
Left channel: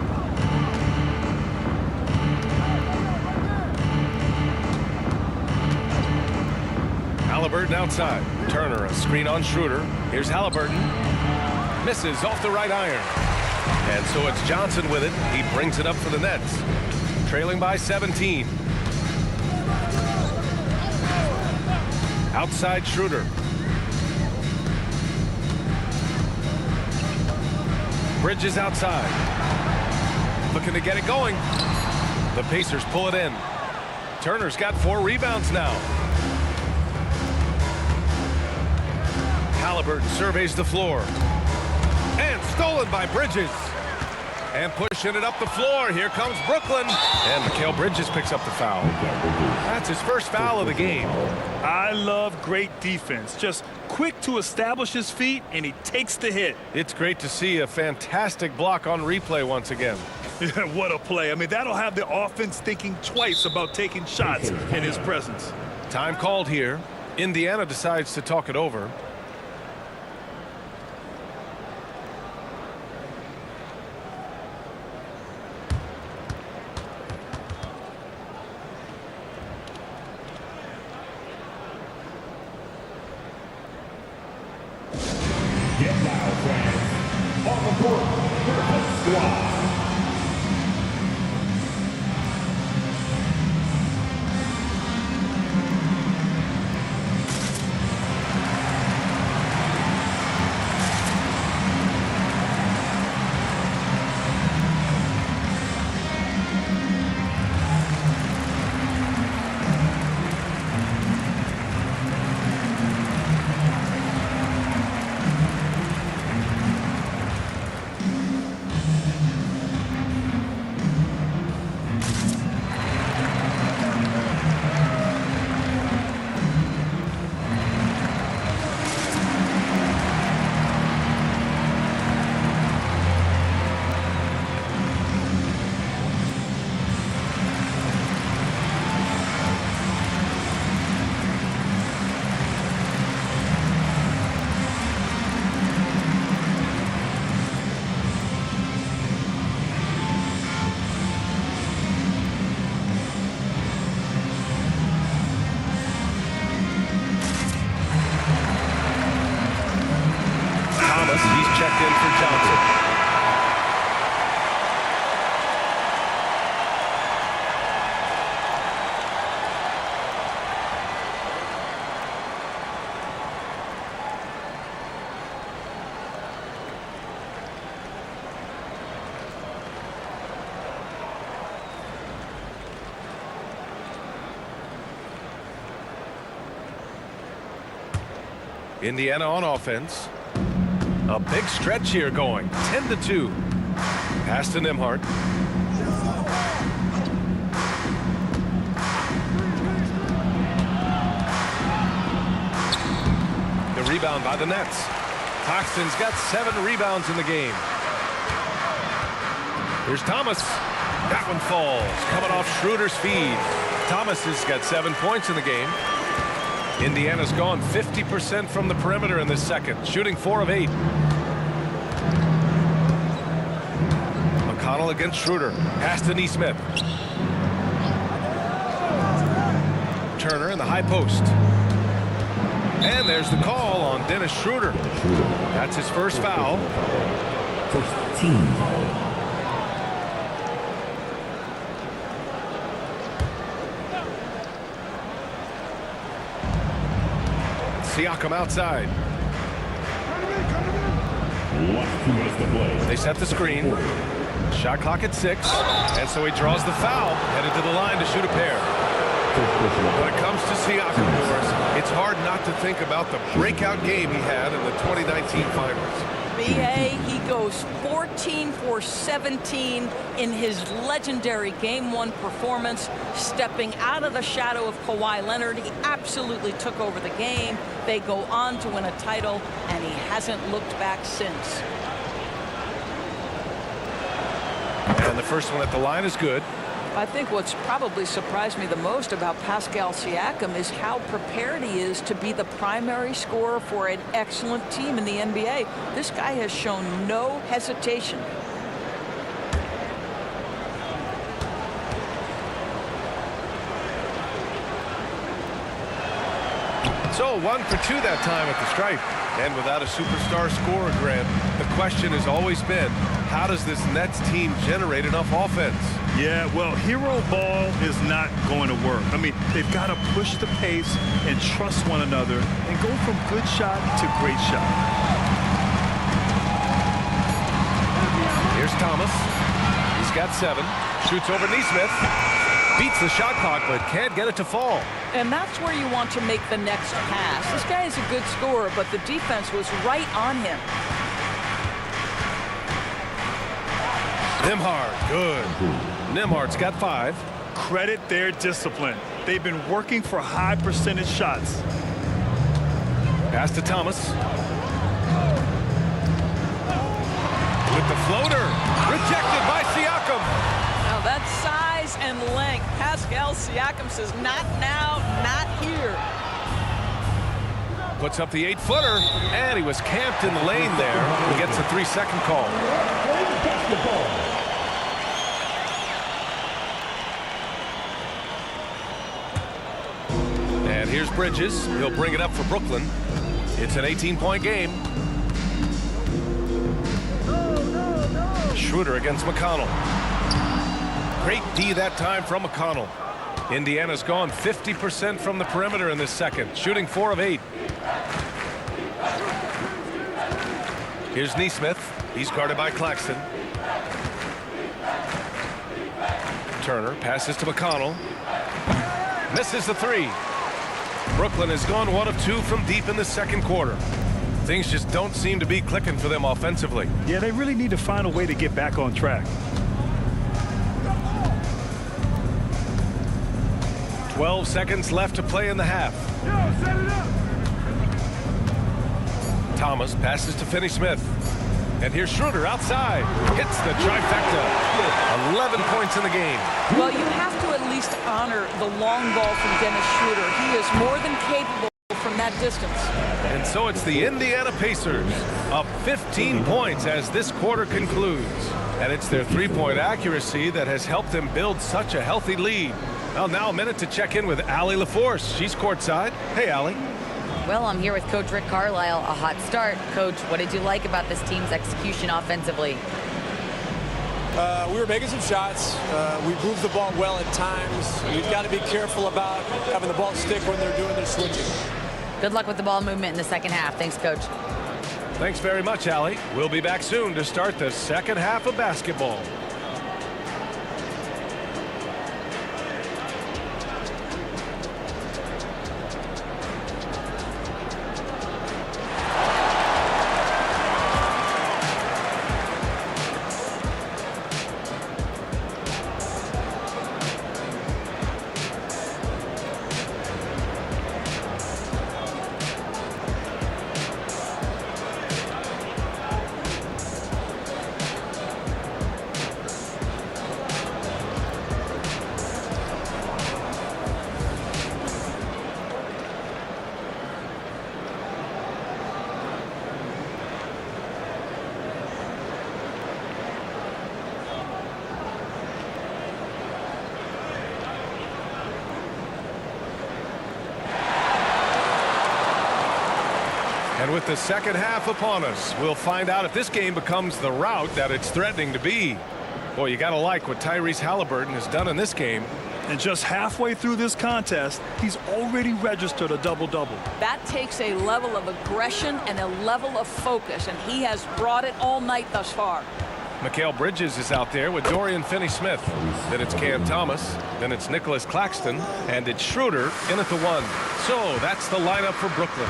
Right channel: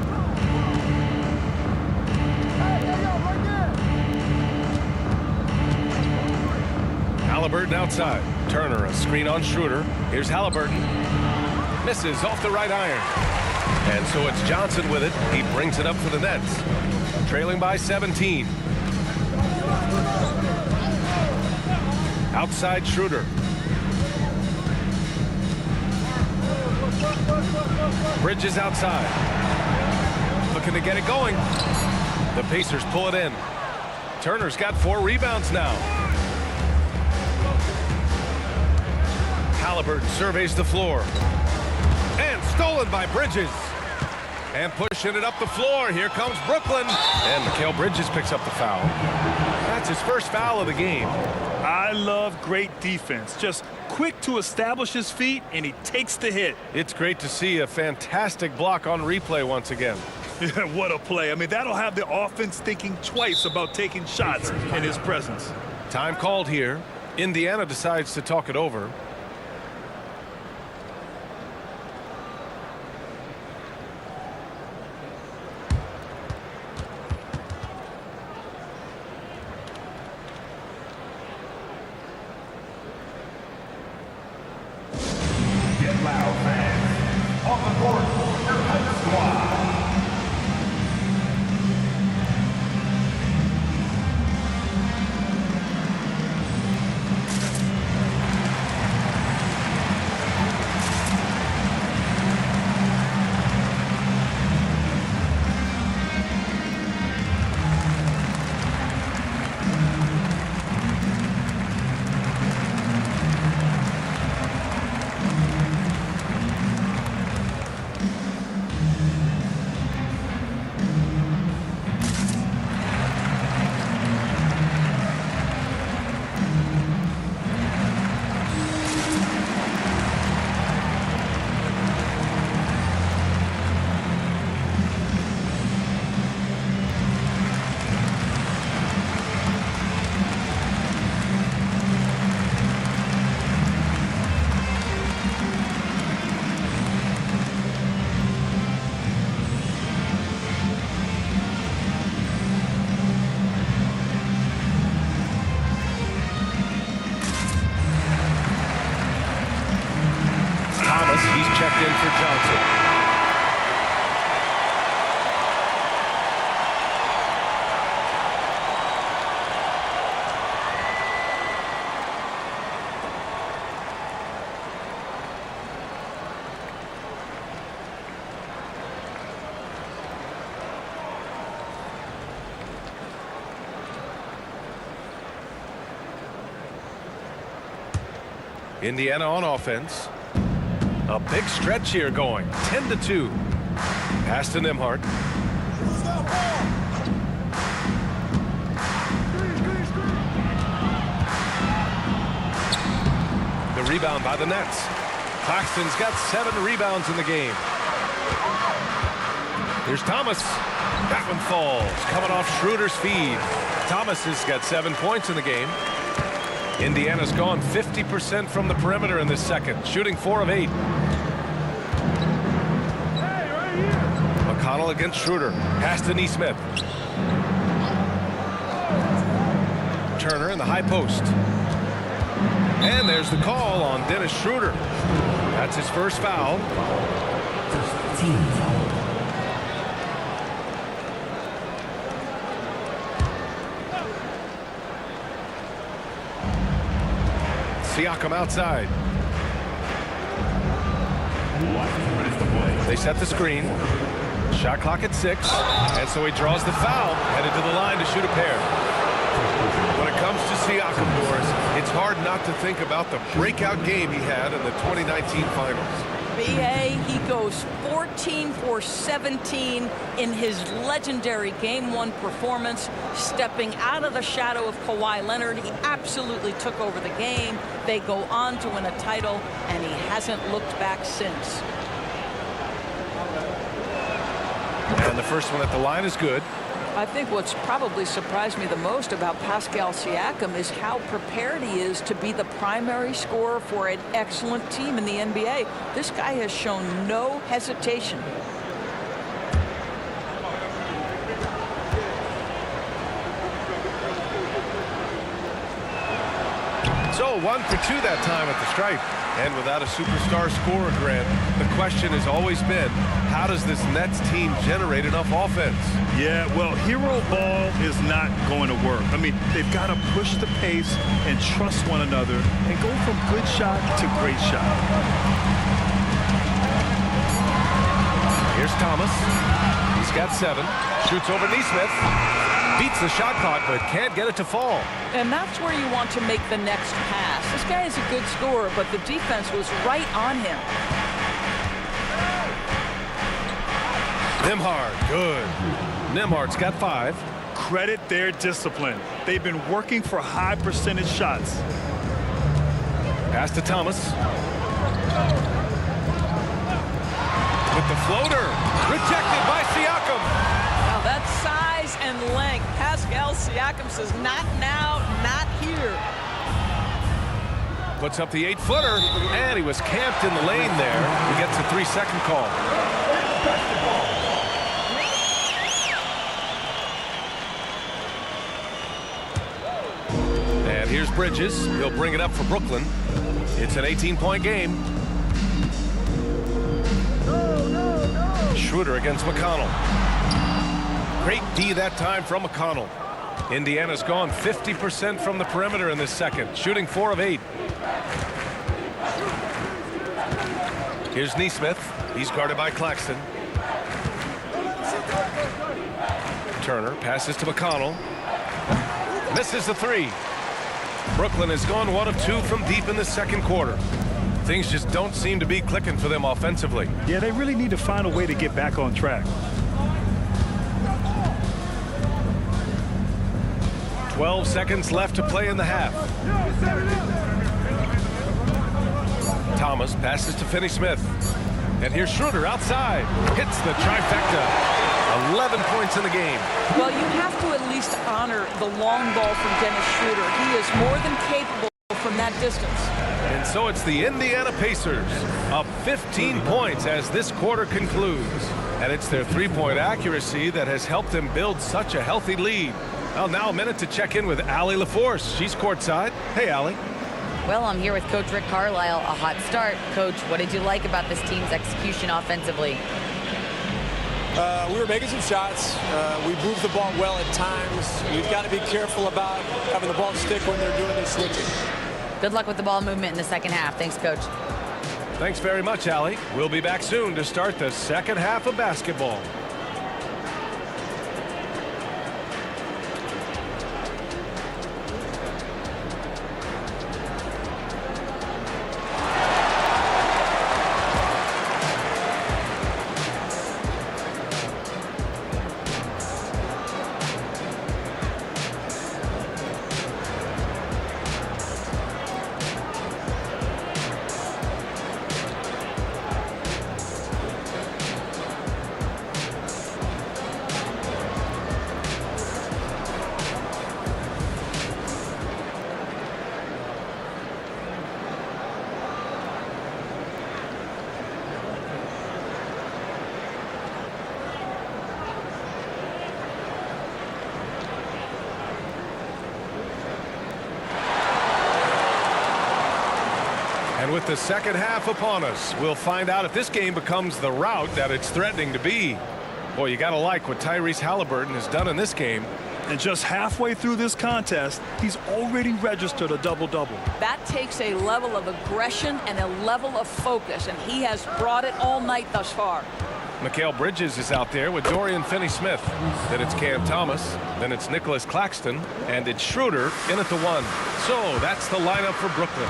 Halliburton outside. Turner, a screen on Schroeder. Here's Halliburton. Misses off the right iron. And so it's Johnson with it. He brings it up for the Nets. Trailing by 17. Outside Schroeder. Bridges outside. Looking to get it going. The Pacers pull it in. Turner's got 4 rebounds now. Halliburton surveys the floor. And stolen by Bridges. And pushing it up the floor. Here comes Brooklyn. And Mikal Bridges picks up the foul. That's his first foul of the game. I love great defense. Just quick to establish his feet, and he takes the hit. It's great to see a fantastic block on replay once again. What a play. I mean, that'll have the offense thinking twice about taking shots in his presence. Time called here. Indiana decides to talk it over. Get loud, fans. On the court, your host squad. Thomas, he's checked in for Johnson. Indiana on offense. A big stretch here going. 10-2. Pass to Nembhard. The rebound by the Nets. Claxton's got 7 rebounds in the game. Here's Thomas. That one falls. Coming off Schroeder's feed. Thomas has got 7 points in the game. Indiana's gone 50% from the perimeter in this second, shooting 4 of 8. McConnell against Schroeder. Pass to Nesmith. Turner in the high post. And there's the call on Dennis Schroeder. That's his first foul. First team foul. Siakam outside. 2 minutes to play. They set the screen. Shot clock at 6. And so he draws the foul. Headed to the line to shoot a pair. When it comes to Siakam, Doris, It's hard not to think about the breakout game he had in the 2019 finals. B.A., he goes 14 for 17 in his legendary Game 1 performance, stepping out of the shadow of Kawhi Leonard. He absolutely took over the game. They go on to win a title, and he hasn't looked back since. And the first one at the line is good. I think what's probably surprised me the most about Pascal Siakam is how prepared he is to be the primary scorer for an excellent team in the NBA. This guy has shown no hesitation. So 1 for 2 that time at the stripe. And without a superstar scorer, Grant, the question has always been, how does this Nets team generate enough offense? Yeah, well, hero ball is not going to work. I mean, they've got to push the pace and trust one another and go from good shot to great shot. Here's Thomas. He's got 7. Shoots over Nesmith. Beats the shot clock, but can't get it to fall. And that's where you want to make the next pass. This guy is a good scorer, but the defense was right on him. Nembhard, good. Nembhard's got 5. Credit their discipline. They've been working for high percentage shots. Pass to Thomas. With the floater. Rejected by Siakam. Now that's size and length. Pascal Siakam says, not now, not here. Puts up the 8-footer, and he was camped in the lane there. He gets a 3-second call. And here's Bridges. He'll bring it up for Brooklyn. It's an 18-point game. Schroeder against McConnell. Great D that time from McConnell. Indiana's gone 50% from the perimeter in this second, shooting 4 of 8. Here's Nesmith. He's guarded by Claxton. Turner passes to McConnell. Misses the 3. Brooklyn has gone 1 of 2 from deep in the second quarter. Things just don't seem to be clicking for them offensively. Yeah, they really need to find a way to get back on track. 12 seconds left to play in the half. Thomas passes to Finney-Smith. And here's Schroeder outside. Hits the trifecta. 11 points in the game. Well, you have to at least honor the long ball from Dennis Schroeder. He is more than capable from that distance. And so it's the Indiana Pacers up 15 points as this quarter concludes. And it's their three-point accuracy that has helped them build such a healthy lead. Well, now a minute to check in with Allie LaForce. She's courtside. Hey, Allie. Well, I'm here with Coach Rick Carlisle. A hot start. Coach, what did you like about this team's execution offensively? We were making some shots. We moved the ball well at times. We've got to be careful about having the ball stick when they're doing their switching. Good luck with the ball movement in the second half. Thanks, Coach. Thanks very much, Allie. We'll be back soon to start the second half of basketball. And with the second half upon us, we'll find out if this game becomes the rout that it's threatening to be. Boy, you got to like what Tyrese Halliburton has done in this game. And just halfway through this contest, he's already registered a double-double. That takes a level of aggression and a level of focus, and he has brought it all night thus far. Mikal Bridges is out there with Dorian Finney-Smith. Then it's Cam Thomas. Then it's Nicholas Claxton. And it's Schroeder in at the 1. So that's the lineup for Brooklyn.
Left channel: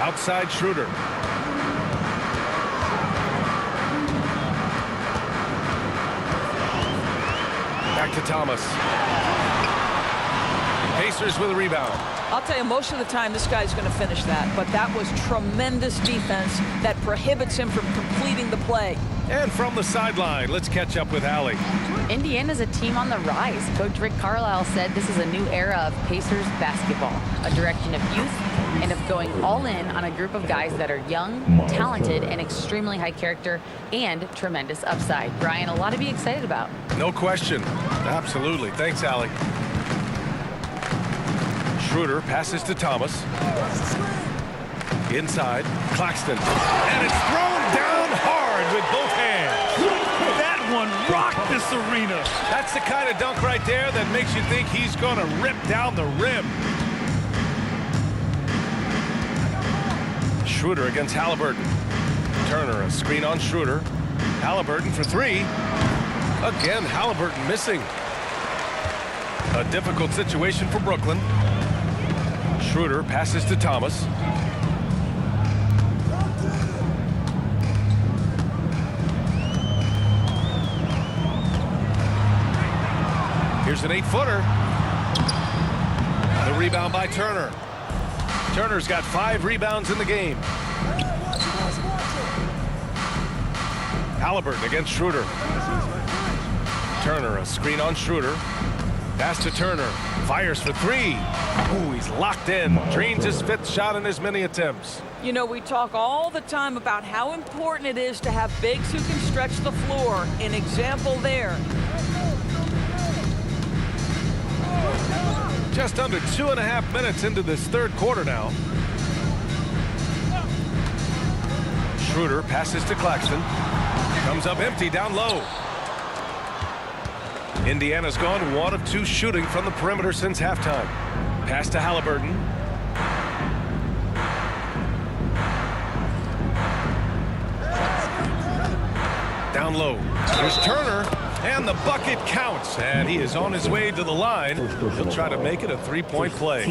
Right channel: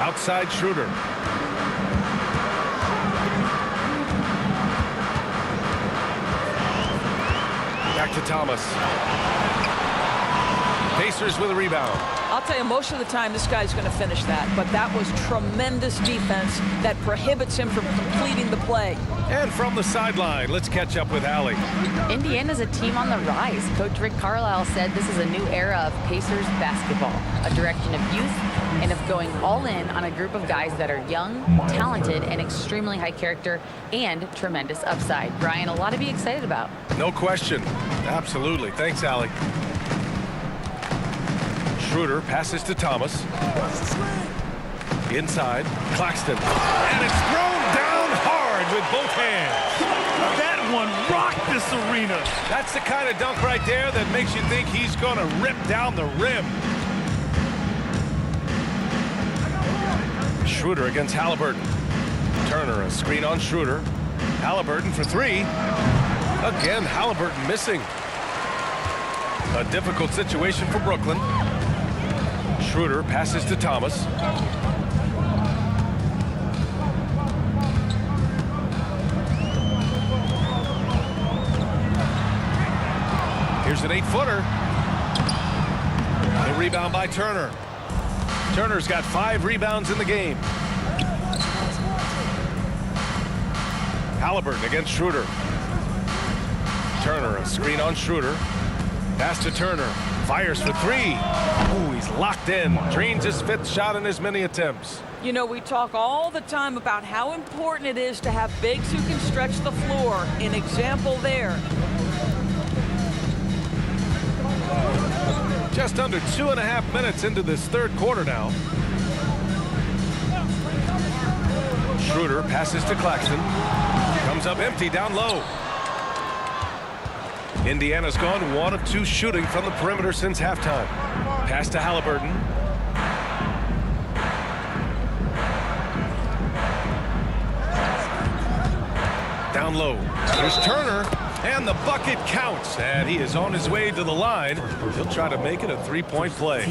Outside Schroeder. Back to Thomas. Pacers with a rebound. I'll tell you, most of the time this guy's going to finish that, but that was tremendous defense that prohibits him from completing the play. And from the sideline, let's catch up with Allie. Indiana's a team on the rise. Coach Rick Carlisle said this is a new era of Pacers basketball, a direction of youth and of going all in on a group of guys that are young, talented, and extremely high character and tremendous upside. Brian, a lot to be excited about. No question. Absolutely. Thanks, Allie. Schroeder passes to Thomas. Inside, Claxton. And it's thrown down hard with both hands. That one rocked this arena. That's the kind of dunk right there that makes you think he's going to rip down the rim. Schroeder against Halliburton. Turner, a screen on Schroeder. Halliburton for 3. Again, Halliburton missing. A difficult situation for Brooklyn. Schroeder passes to Thomas. Here's an 8-footer. The rebound by Turner. Turner's got 5 rebounds in the game. Halliburton against Schroeder. Turner, a screen on Schroeder. Pass to Turner. Fires for 3. Ooh, he's locked in. Drains his 5th shot in as many attempts. You know, we talk all the time about how important it is to have bigs who can stretch the floor. An example there. Just under 2.5 minutes into this 3rd quarter now. Schroeder passes to Claxton. Comes up empty down low. Indiana's gone 1 of 2 shooting from the perimeter since halftime. Pass to Halliburton. Down low. There's Turner. And the bucket counts. And he is on his way to the line. He'll try to make it a 3-point play.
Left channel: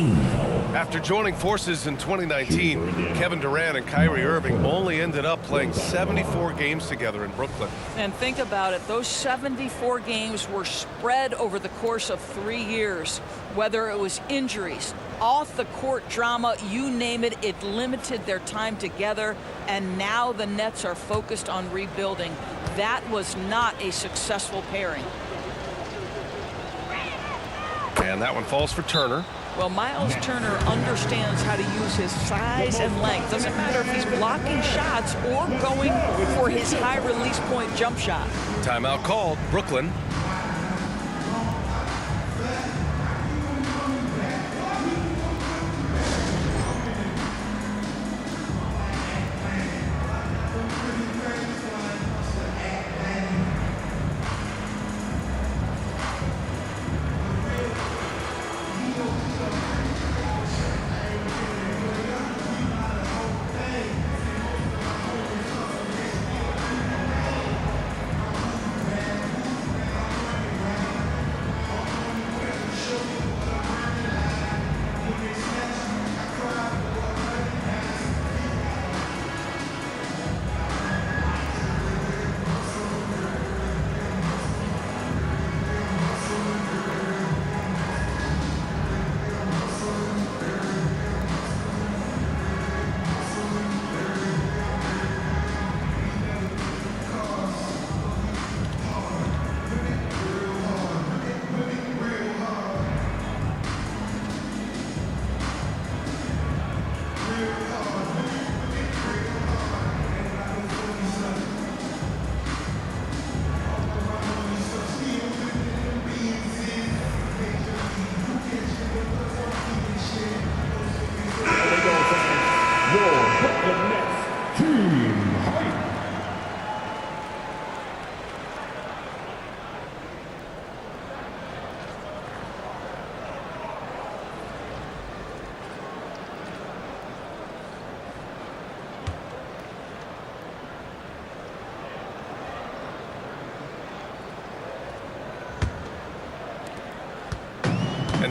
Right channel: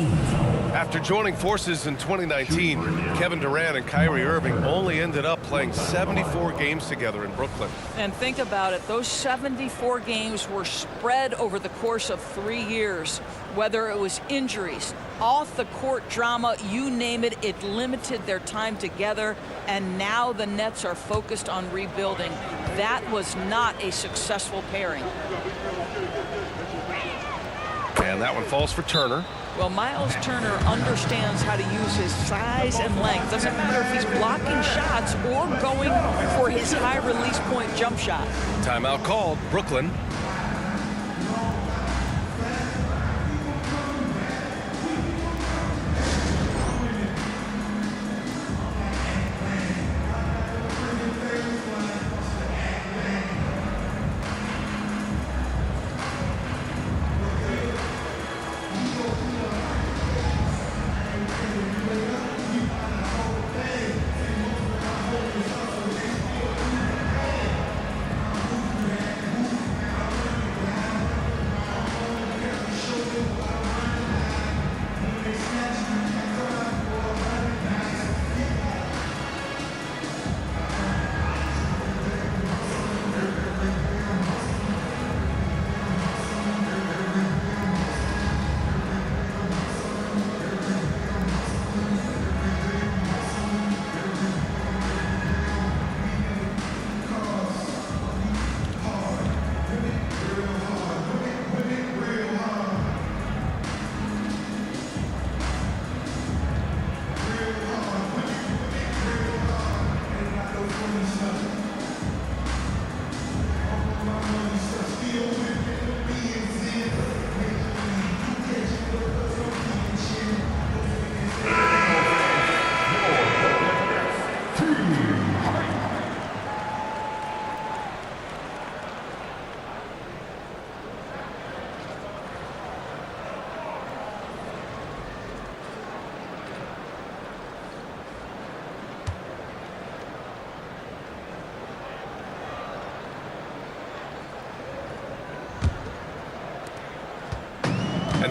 After joining forces in 2019, Kevin Durant and Kyrie Irving only ended up playing 74 games together in Brooklyn. And think about it, those 74 games were spread over the course of 3 years. Whether it was injuries, off the court drama, you name it, it limited their time together. And now the Nets are focused on rebuilding. That was not a successful pairing. And that one falls for Turner. Well, Miles Turner understands how to use his size and length. Doesn't matter if he's blocking shots or going for his high release point jump shot. Timeout called. Brooklyn.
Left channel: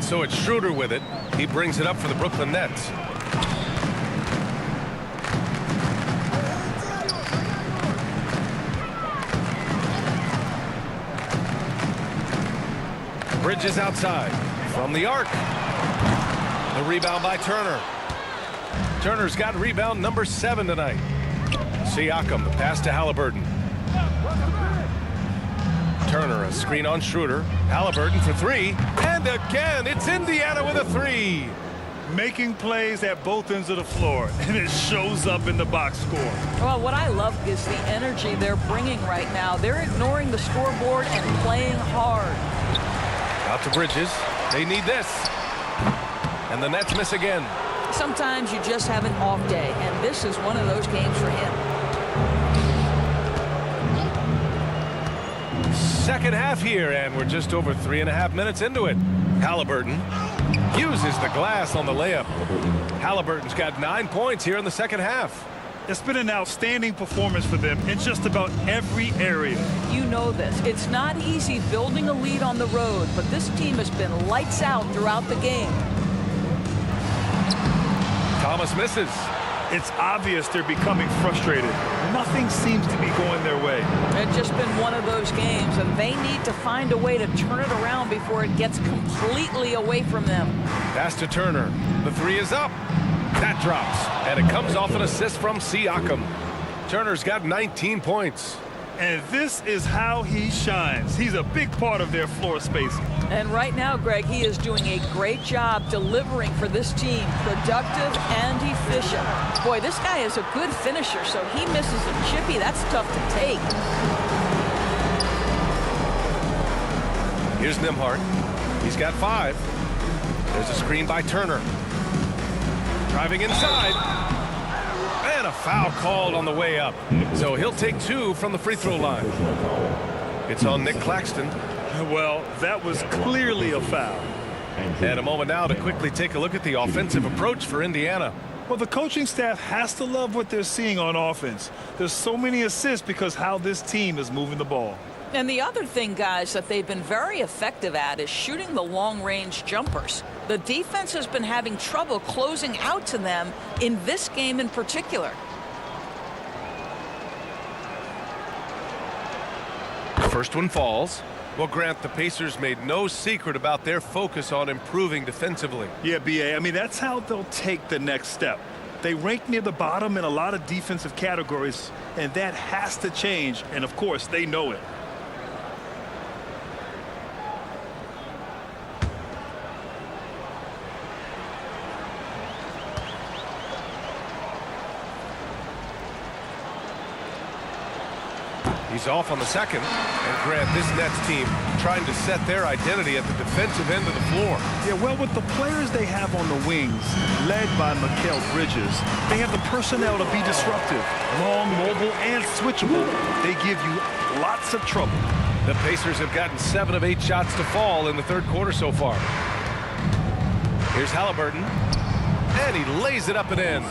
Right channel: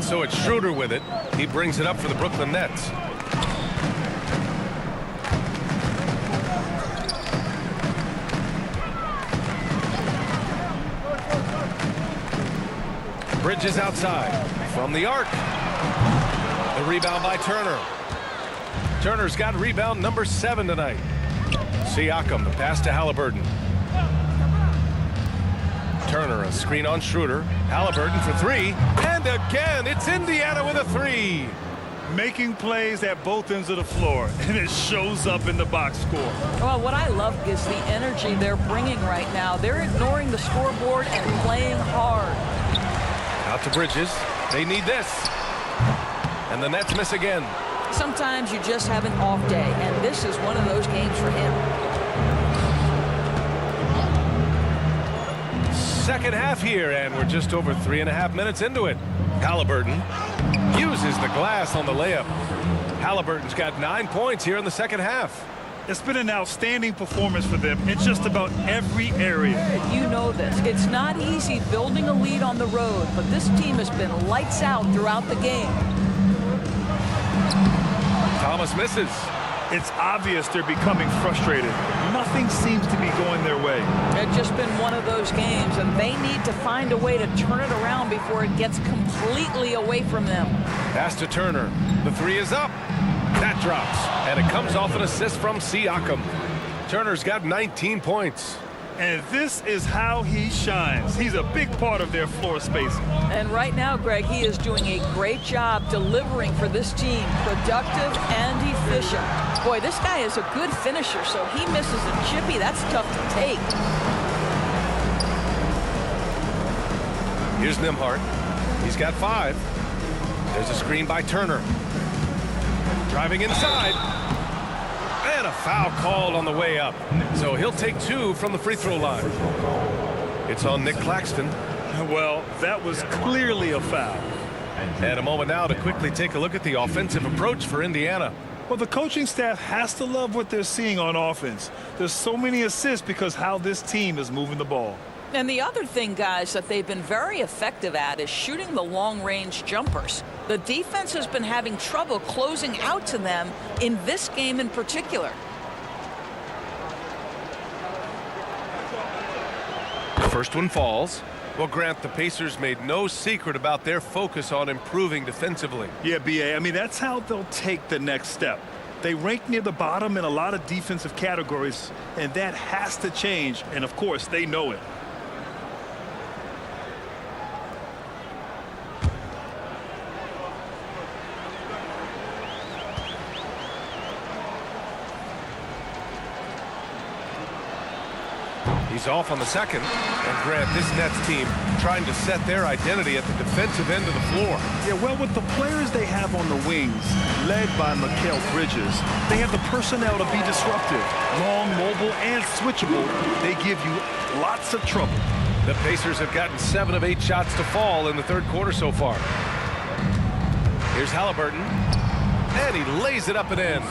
And so it's Schroeder with it. He brings it up for the Brooklyn Nets. Bridges outside from the arc. The rebound by Turner. Turner's got rebound number 7 tonight. Siakam, the pass to Halliburton. Turner, a screen on Schroeder. Halliburton for 3. And again, it's Indiana with a 3. Making plays at both ends of the floor, and it shows up in the box score. Well, what I love is the energy they're bringing right now. They're ignoring the scoreboard and playing hard. Out to Bridges. They need this. And the Nets miss again. Sometimes you just have an off day, and this is one of those games for him. Second half here, and we're just over 3.5 minutes into it. Halliburton uses the glass on the layup. Halliburton's got 9 points here in the second half. It's been an outstanding performance for them in just about every area. You know this. It's not easy building a lead on the road, but this team has been lights out throughout the game. Thomas misses. It's obvious they're becoming frustrated. Nothing seems to be going their way. It's just been one of those games, and they need to find a way to turn it around before it gets completely away from them. Pass to Turner. The 3 is up. That drops, and it comes off an assist from Siakam. Turner's got 19 points. And this is how he shines. He's a big part of their floor spacing. And right now, Greg, he is doing a great job delivering for this team, productive and efficient. Boy, this guy is a good finisher, so he misses a chippy. That's tough to take. Here's Nembhard. He's got 5. There's a screen by Turner. Driving inside. And a foul called on the way up. So he'll take 2 from the free throw line. It's on Nick Claxton. Well, that was clearly a foul. And a moment now to quickly take a look at the offensive approach for Indiana. Well, the coaching staff has to love what they're seeing on offense. There's so many assists because how this team is moving the ball. And the other thing, guys, that they've been very effective at is shooting the long-range jumpers. The defense has been having trouble closing out to them in this game in particular. First one falls. Well, Grant, the Pacers made no secret about their focus on improving defensively. Yeah, B.A., I mean, that's how they'll take the next step. They rank near the bottom in a lot of defensive categories, and that has to change, and of course, they know it. He's off on the second. And Grant, this Nets team trying to set their identity at the defensive end of the floor. Yeah, well, with the players they have on the wings, led by Mikal Bridges, they have the personnel to be disruptive. Long, mobile, and switchable. They give you lots of trouble. The Pacers have gotten 7 of 8 shots to fall in the third quarter so far. Here's Halliburton. And he lays it up and in.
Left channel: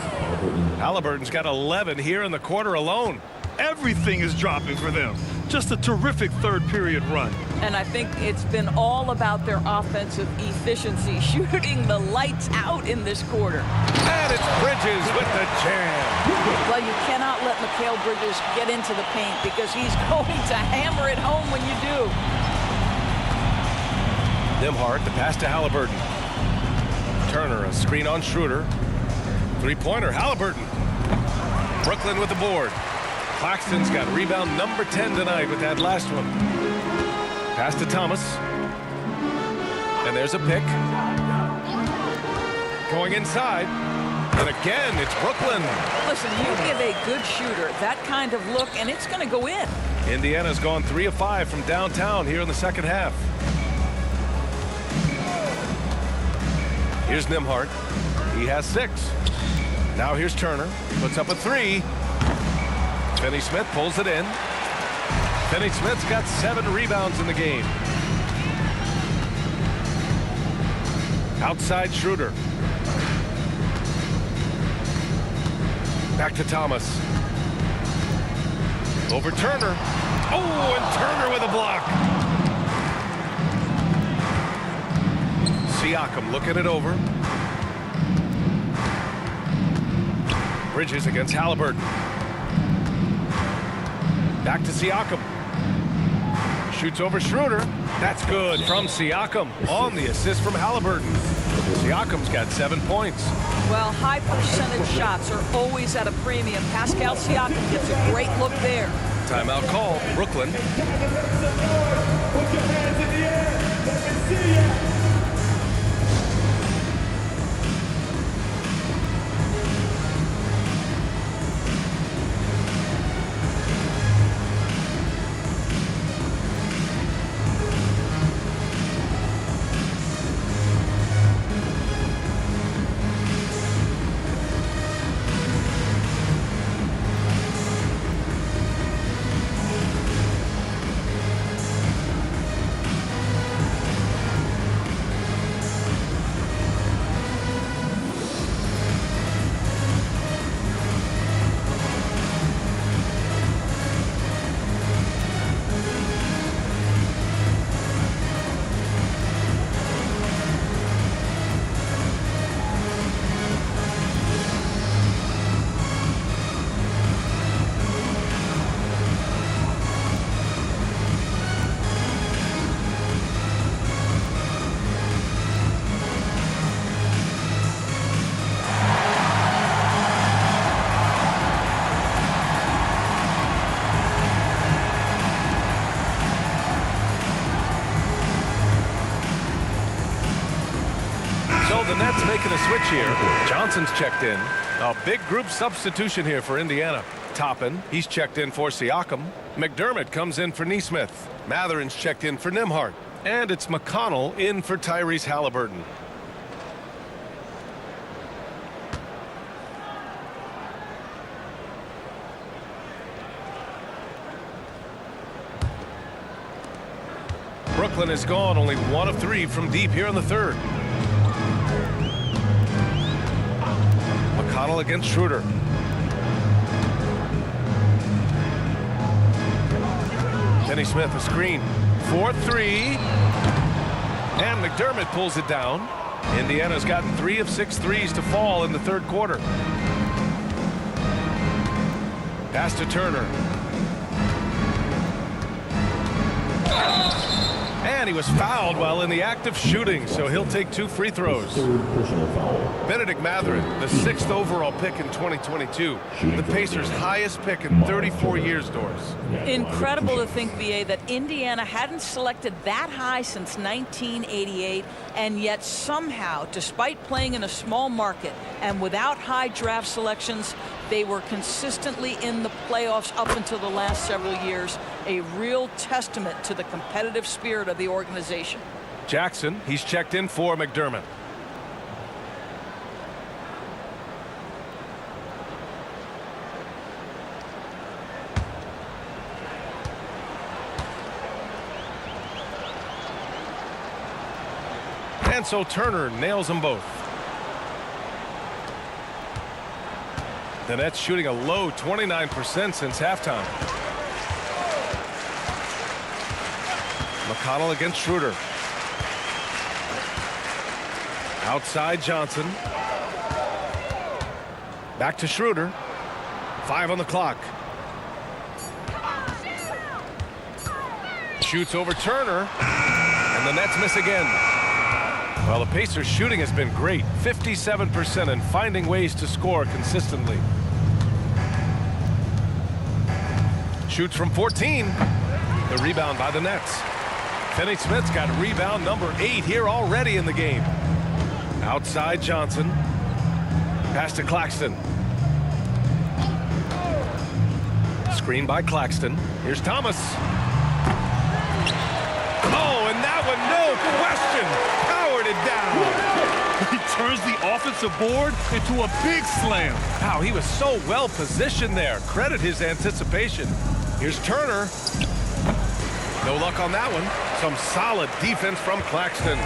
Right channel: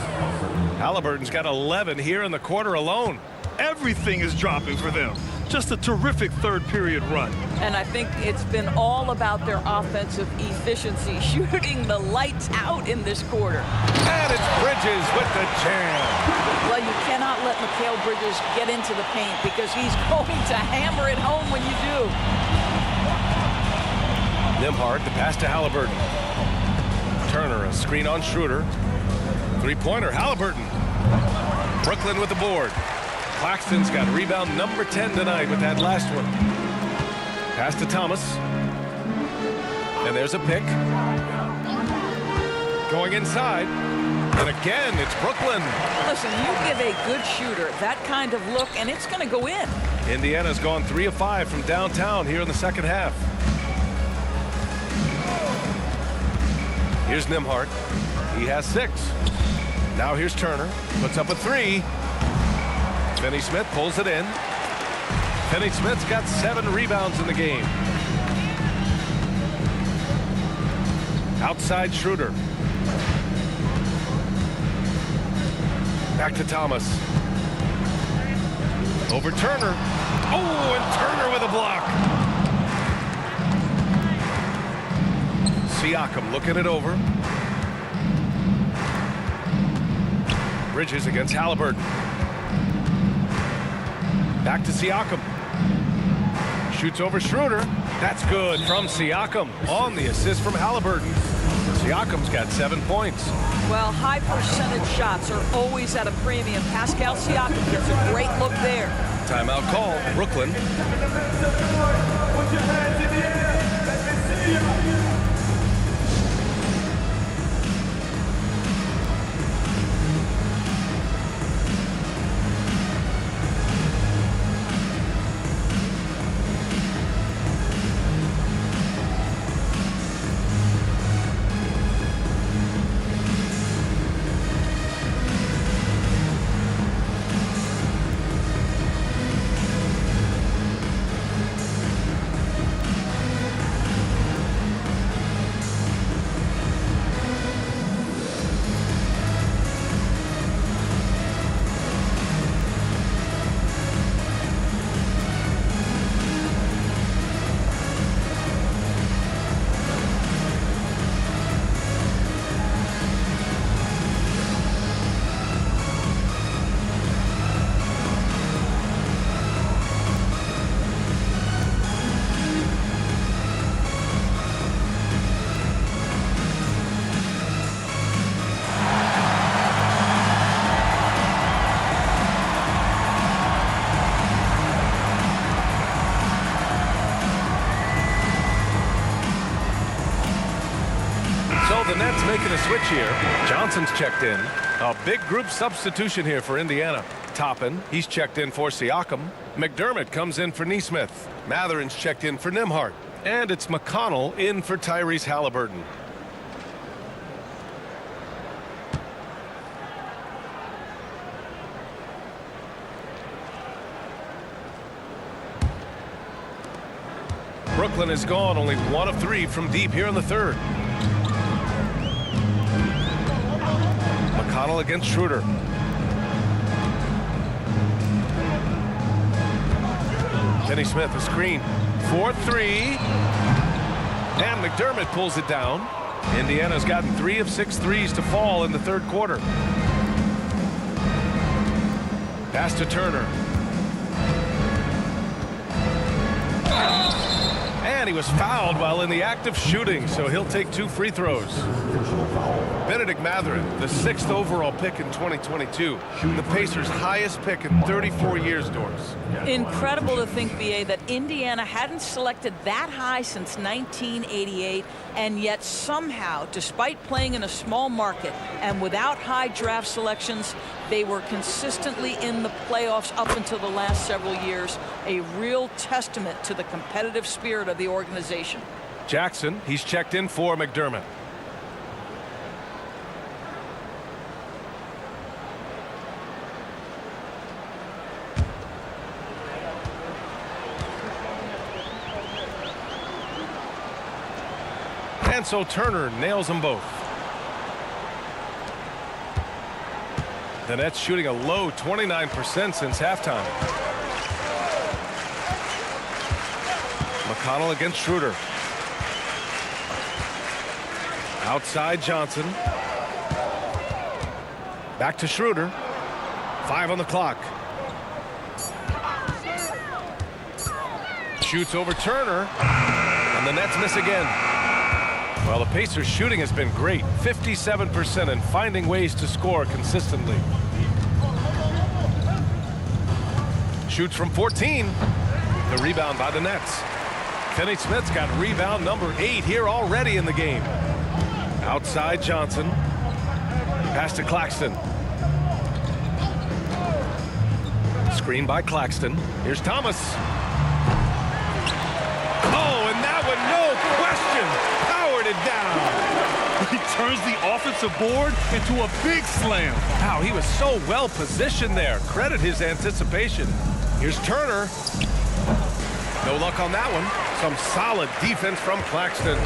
Halliburton's got 11 here in the quarter alone. Everything is dropping for them. Just a terrific third period run. And I think it's been all about their offensive efficiency, shooting the lights out in this quarter. And it's Bridges with the jam. Well, you cannot let Mikal Bridges get into the paint because he's going to hammer it home when you do. Nembhard, the pass to Halliburton. Turner, a screen on Schroeder. Three-pointer, Halliburton. Brooklyn with the board. Claxton's got rebound number 10 tonight with that last one. Pass to Thomas. And there's a pick. Going inside. And again, it's Brooklyn. Listen, you give a good shooter that kind of look, and it's going to go in. Indiana's gone 3 of 5 from downtown here in the second half. Here's Nembhard. He has 6. Now here's Turner. Puts up a 3. Finney-Smith pulls it in. Finney-Smith's got 7 rebounds in the game. Outside Schroeder. Back to Thomas. Over Turner. Oh, and Turner with a block. Siakam looking it over. Bridges against Halliburton. Back to Siakam. Shoots over Schroeder. That's good from Siakam on the assist from Halliburton. Siakam's got 7 points. Well, high percentage shots are always at a premium. Pascal Siakam gets a great look there. Timeout call, Brooklyn. Put your hands in the air. Let me see ya. So the Nets making a switch here. Johnson's checked in. A big group substitution here for Indiana. Toppin, he's checked in for Siakam. McDermott comes in for Nesmith. Matherin's checked in for Nembhard. And it's McConnell in for Tyrese Halliburton. Brooklyn is gone, only 1 of 3 from deep here in the third. McConnell against Schroeder. Finney Smith a screen. 4-3. And McDermott pulls it down. Indiana's gotten 3 of 6 threes to fall in the third quarter. Pass to Turner. And he was fouled while in the act of shooting, so he'll take 2 free throws. Personal foul. Benedict Mathurin, the 6th overall pick in 2022. The Pacers' highest pick in 34 years, Doris. Incredible to think, BA, that Indiana hadn't selected that high since 1988, and yet somehow, despite playing in a small market and without high draft selections, they were consistently in the playoffs up until the last several years. A real testament to the competitive spirit of the organization. Jackson, he's checked in for McDermott. And so Turner nails them both. The Nets shooting a low 29% since halftime. McConnell against Schroeder. Outside Johnson. Back to Schroeder. 5 on the clock. Shoots over Turner. And the Nets miss again. Well, the Pacers' shooting has been great. 57% and finding ways to score consistently. Shoots from 14. The rebound by the Nets. Finney Smith's got rebound number 8 here already in the game. Outside Johnson. Pass to Claxton. Screen by Claxton. Here's Thomas. Oh, and that one, no question, powered it down. He turns the offensive board into a big slam. Wow, he was so well positioned there. Credit his anticipation. Here's Turner. No luck on that one. Some solid defense from Claxton.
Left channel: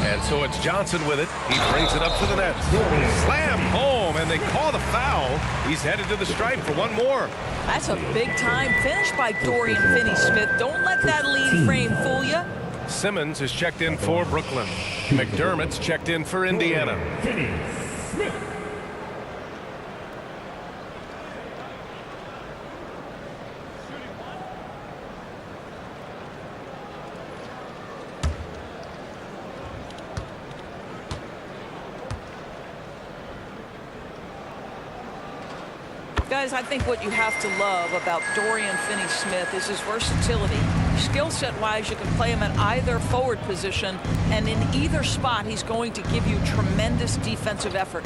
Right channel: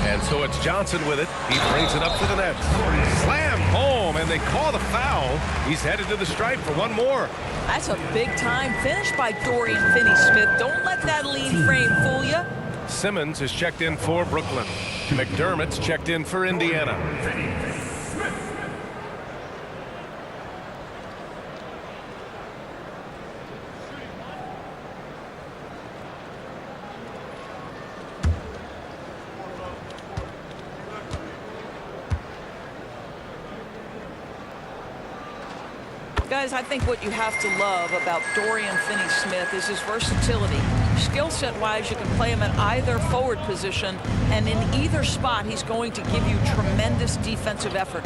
And so it's Johnson with it. He brings it up to the Nets. Slam home, and they call the foul. He's headed to the stripe for one more. That's a big-time finish by Dorian Finney-Smith. Don't let that lead frame fool you. Simmons is checked in for Brooklyn. McDermott's checked in for Indiana. Finney Smith. Guys, I think what you have to love about Dorian Finney-Smith is his versatility. Skill set wise, you can play him at either forward position, and in either spot, he's going to give you tremendous defensive effort.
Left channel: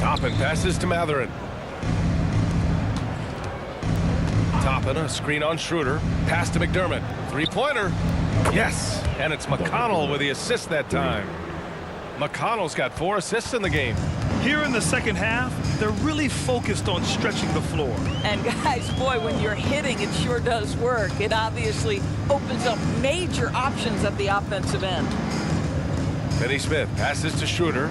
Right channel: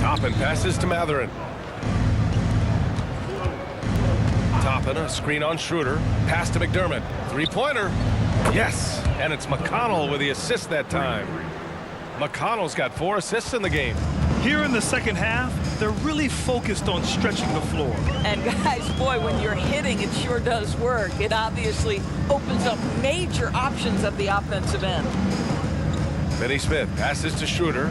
Toppin passes to Mathurin. Toppin, a screen on Schroeder. Pass to McDermott. Three-pointer. Yes, and it's McConnell with the assist that time. McConnell's got 4 assists in the game. Here in the second half, they're really focused on stretching the floor. And guys, boy, when you're hitting, it sure does work. It obviously opens up major options at the offensive end. Finney-Smith passes to Schroeder.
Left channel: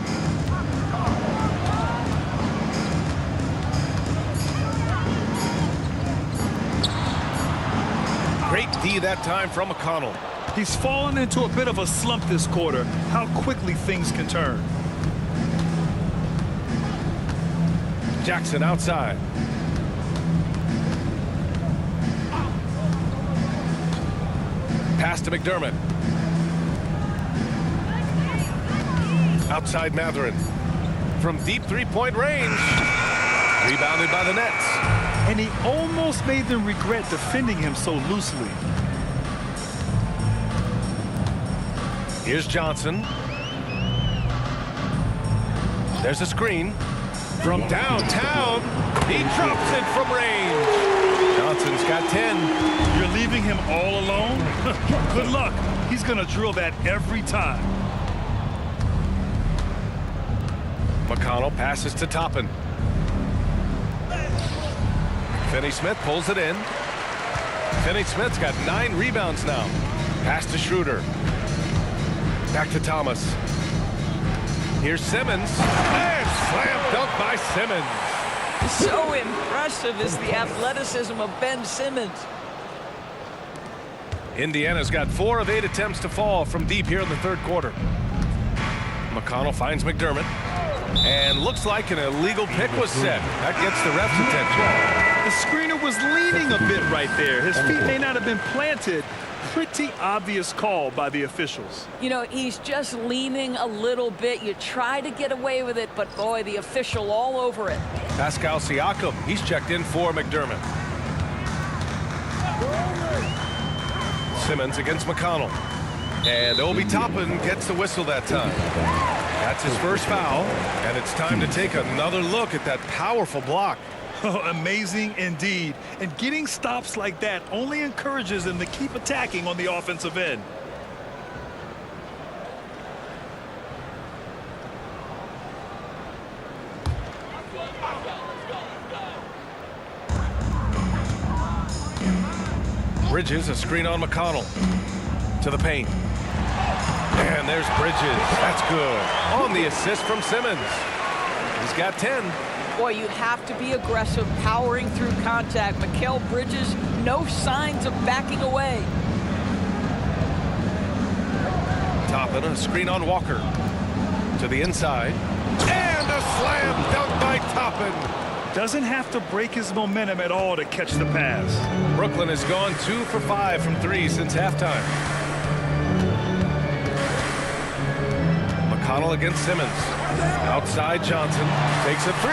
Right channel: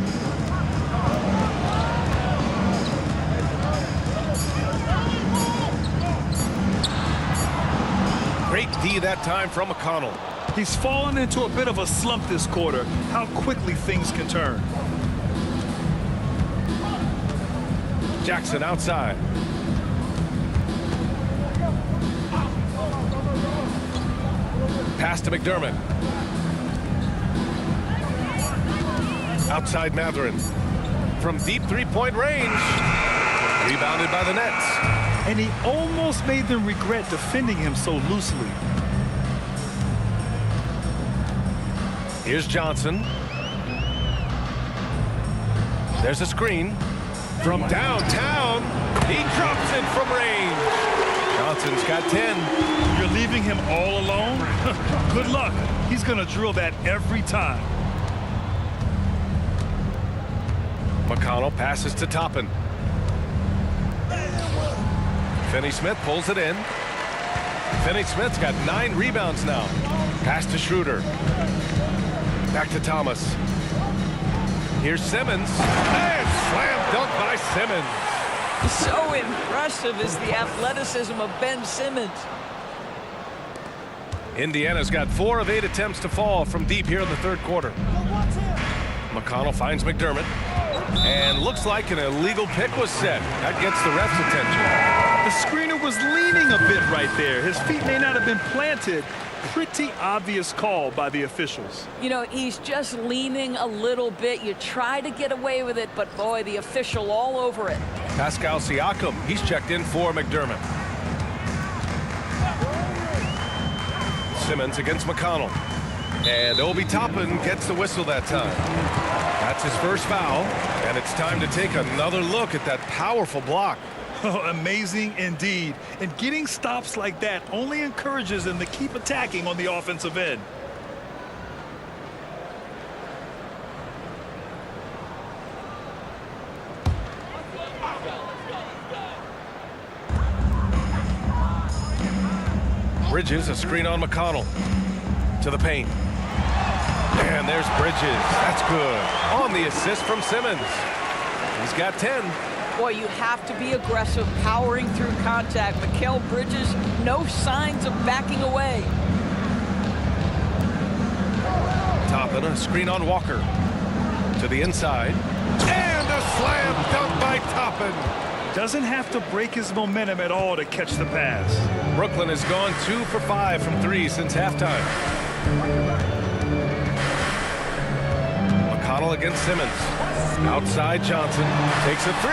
Great D that time from McConnell. He's fallen into a bit of a slump this quarter. How quickly things can turn. Jackson outside. Pass to McDermott. Outside Mathurin. From deep three-point range. Rebounded by the Nets. And he almost made them regret defending him so loosely. Here's Johnson. There's a screen. From downtown, he drops it from range. Johnson's got 10. You're leaving him all alone? Good luck. He's going to drill that every time. McConnell passes to Toppin. Finney-Smith pulls it in. Finney-Smith's got 9 rebounds now. Pass to Schroeder. Back to Thomas. Here's Simmons. And slam dunk by Simmons. So impressive is the athleticism of Ben Simmons. Indiana's got 4 of 8 attempts to fall from deep here in the third quarter. McConnell finds McDermott. And looks like an illegal pick was set. That gets the ref's attention. The screener was leaning a bit right there. His feet may not have been planted. Pretty obvious call by the officials. You know, he's just leaning a little bit. You try to get away with it, but boy, the official all over it. Pascal Siakam, he's checked in for McDermott. Simmons against McConnell. And Obi Toppin gets the whistle that time. That's his first foul, and it's time to take another look at that powerful block. Oh, amazing indeed. And getting stops like that only encourages them to keep attacking on the offensive end. Bridges, a screen on McConnell. To the paint. And there's Bridges. That's good. On the assist from Simmons. He's got 10. Boy, you have to be aggressive, powering through contact. Mikal Bridges, no signs of backing away. Toppin, a screen on Walker. To the inside. And a slam dunk by Toppin. Doesn't have to break his momentum at all to catch the pass. Brooklyn has gone 2 for 5 from 3 since halftime. McConnell against Simmons. Outside Johnson. Takes a 3.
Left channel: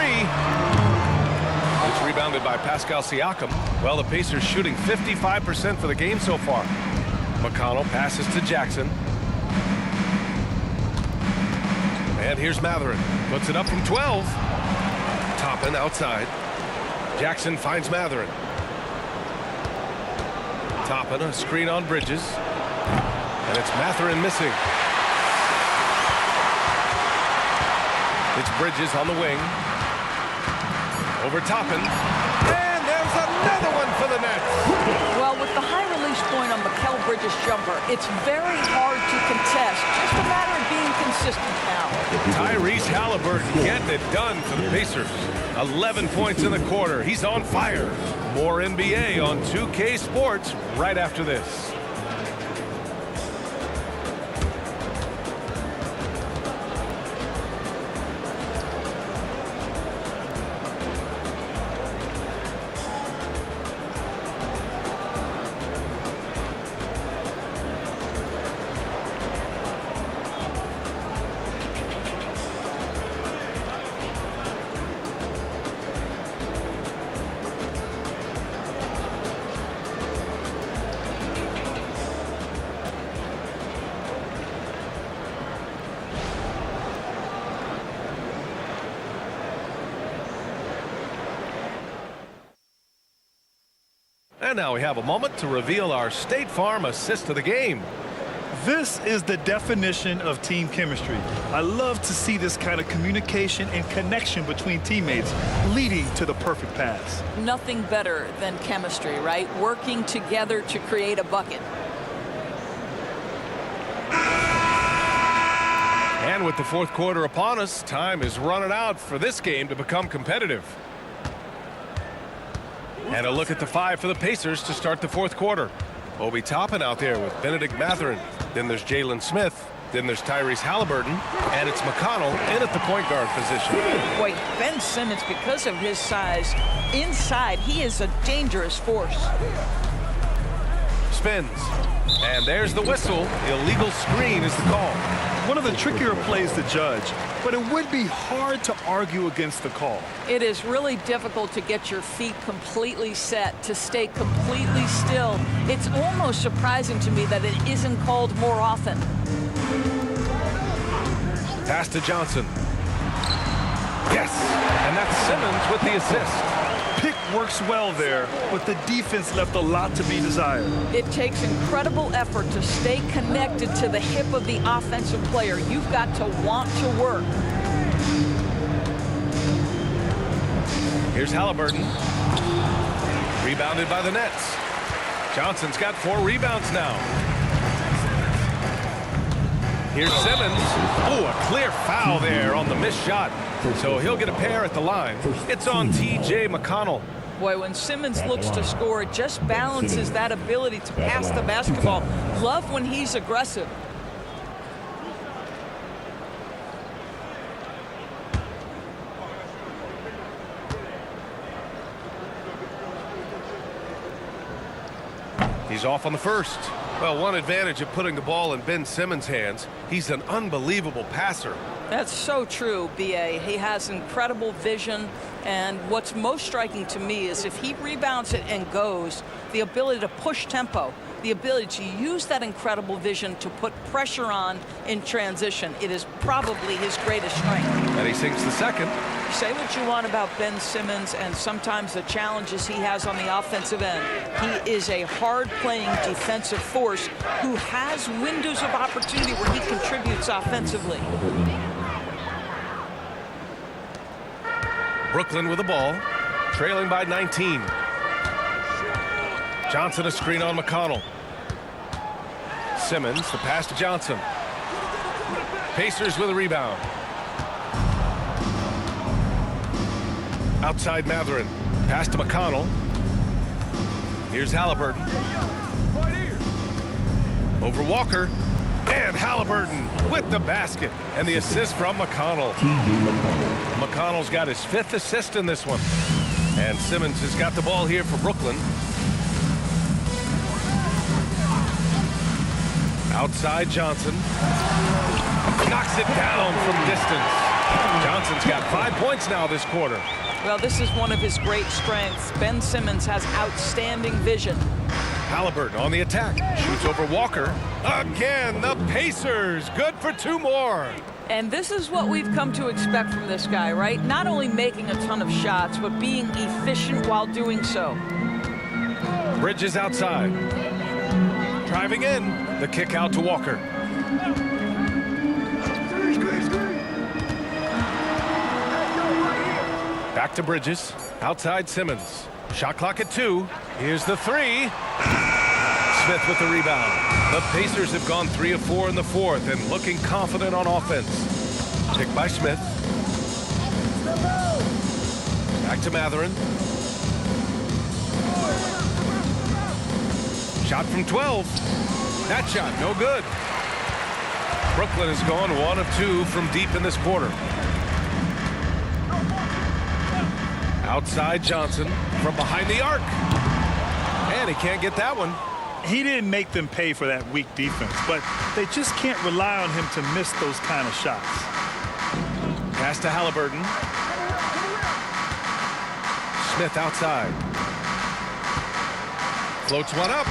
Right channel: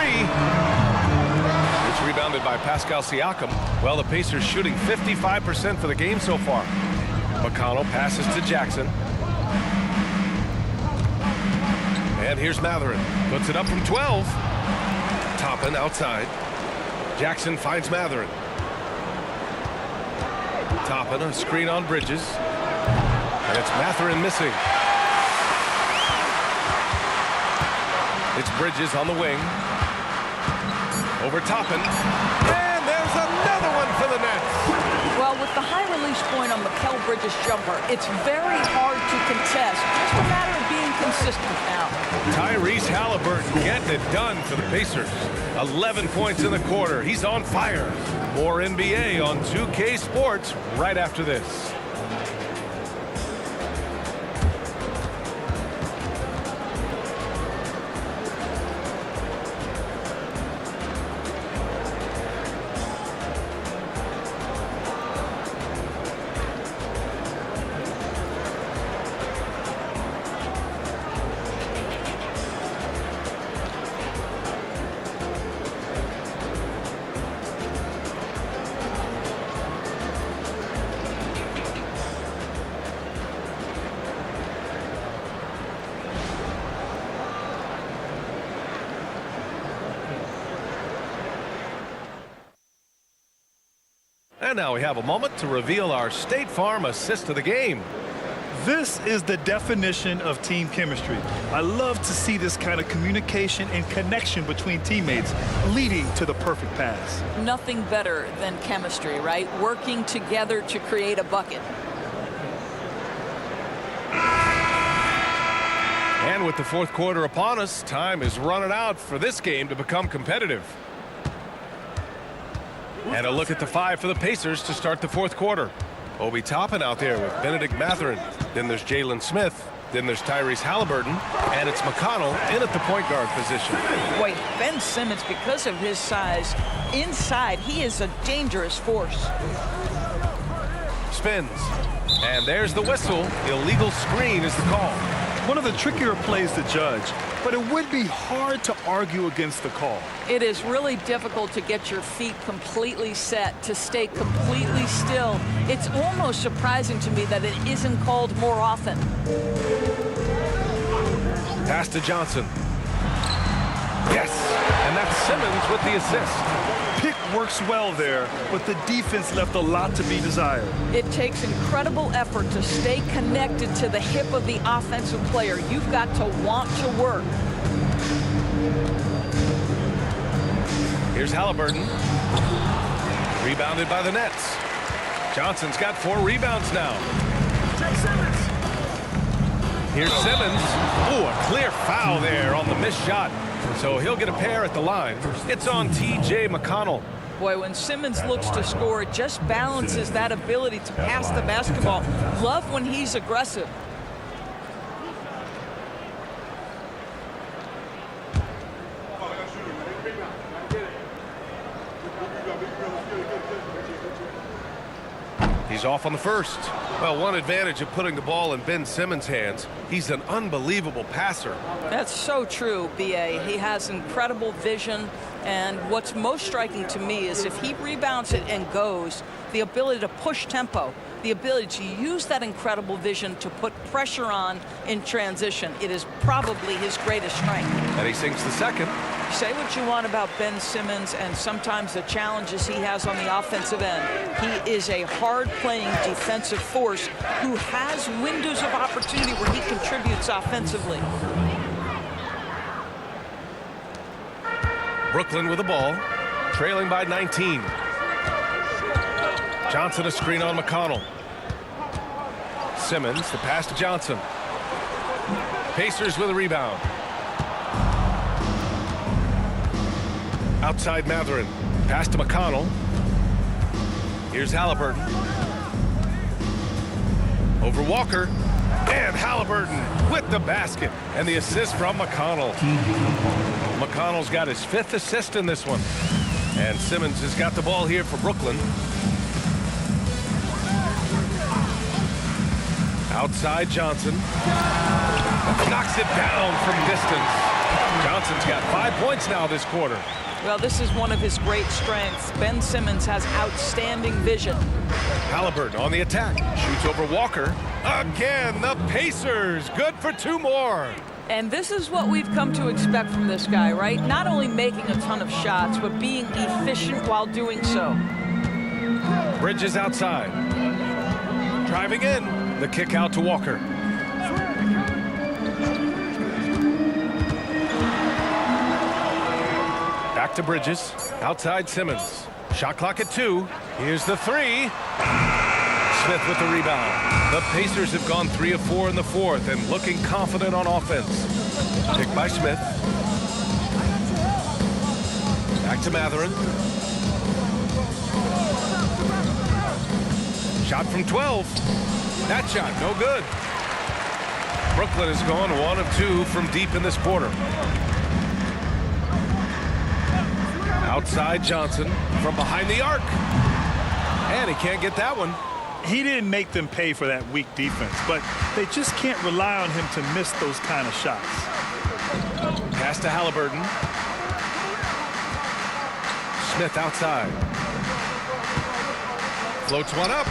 It's rebounded by Pascal Siakam. Well, the Pacers shooting 55% for the game so far. McConnell passes to Jackson. And here's Mathurin. Puts it up from 12. Toppin outside. Jackson finds Mathurin. Toppin, a screen on Bridges. And it's Mathurin missing. It's Bridges on the wing. Over Toppin. And there's another one for the Nets. Well, with the high release point on Mikal Bridges' jumper, it's very hard to contest. Just a matter of being consistent now. Tyrese Halliburton getting it done for the Pacers. 11 points in the quarter. He's on fire. More NBA on 2K Sports right after this. And now we have a moment to reveal our State Farm assist of the game. This is the definition of team chemistry. I love to see this kind of communication and connection between teammates leading to the perfect pass. Nothing better than chemistry, right? Working together to create a bucket. And with the fourth quarter upon us, time is running out for this game to become competitive. And a look at the five for the Pacers to start the fourth quarter. Obi Toppin out there with Bennedict Mathurin. Then there's Jalen Smith. Then there's Tyrese Halliburton. And it's McConnell in at the point guard position. Boy, Ben Simmons, because of his size, inside, he is a dangerous force. Spins. And there's the whistle. Illegal screen is the call. One of the trickier plays to judge, but it would be hard to argue against the call. It is really difficult to get your feet completely set, to stay completely still. It's almost surprising to me that it isn't called more often. Pass to Johnson. Yes, and that's Simmons with the assist. Pick works well there, but the defense left a lot to be desired. It takes incredible effort to stay connected to the hip of the offensive player. You've got to want to work. Here's Halliburton. Rebounded by the Nets. Johnson's got 4 rebounds now. Here's Simmons. Oh, a clear foul there on the missed shot. So he'll get a pair at the line. It's on T.J. McConnell. Boy, when Simmons looks to score, it just balances that ability to pass the basketball. Love when he's aggressive. He's off on the first. Well, one advantage of putting the ball in Ben Simmons' hands, he's an unbelievable passer. That's so true, B.A. He has incredible vision, and what's most striking to me is if he rebounds it and goes, the ability to push tempo, the ability to use that incredible vision to put pressure on in transition. It is probably his greatest strength. And he sinks the second. Say what you want about Ben Simmons and sometimes the challenges he has on the offensive end. He is a hard-playing defensive force who has windows of opportunity where he contributes offensively. Brooklyn with the ball, trailing by 19. Johnson a screen on McConnell. Simmons, the pass to Johnson. Pacers with a rebound. Outside Mathurin. Pass to McConnell. Here's Halliburton. Over Walker. And Halliburton with the basket. And the assist from McConnell. McConnell's got his 5th assist in this one. And Simmons has got the ball here for Brooklyn. Outside Johnson. Knocks it down from distance. Johnson's got 5 points now this quarter. Well, this is one of his great strengths. Ben Simmons has outstanding vision. Halliburton on the attack. Shoots over Walker. Again, the Pacers. Good for 2 more. And this is what we've come to expect from this guy, right? Not only making a ton of shots, but being efficient while doing so. Bridges outside. Driving in. The kick out to Walker. Back to Bridges. Outside Simmons. Shot clock at 2. Here's the 3. Smith with the rebound. The Pacers have gone 3 of 4 in the fourth and looking confident on offense. Picked by Smith. Back to Mathurin. Shot from 12. That shot, no good. Brooklyn has gone 1 of 2 from deep in this quarter. Outside Johnson from behind the arc. And he can't get that one. He didn't make them pay for that weak defense, but they just can't rely on him to miss those kind of shots. Pass to Halliburton. Smith outside. Floats one up.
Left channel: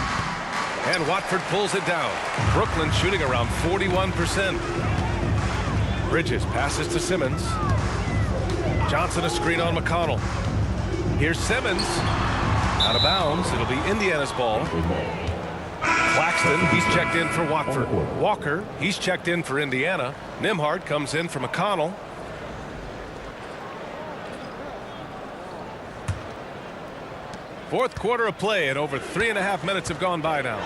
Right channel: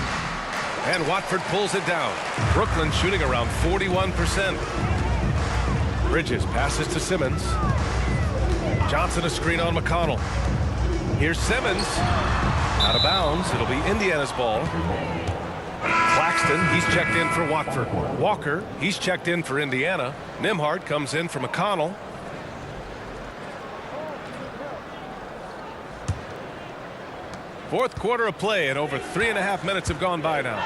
And Watford pulls it down. Brooklyn shooting around 41%. Bridges passes to Simmons. Johnson a screen on McConnell. Here's Simmons. Out of bounds. It'll be Indiana's ball. Claxton, he's checked in for Watford. Walker, he's checked in for Indiana. Nembhard comes in for McConnell. Fourth quarter of play, and over 3.5 minutes have gone by now.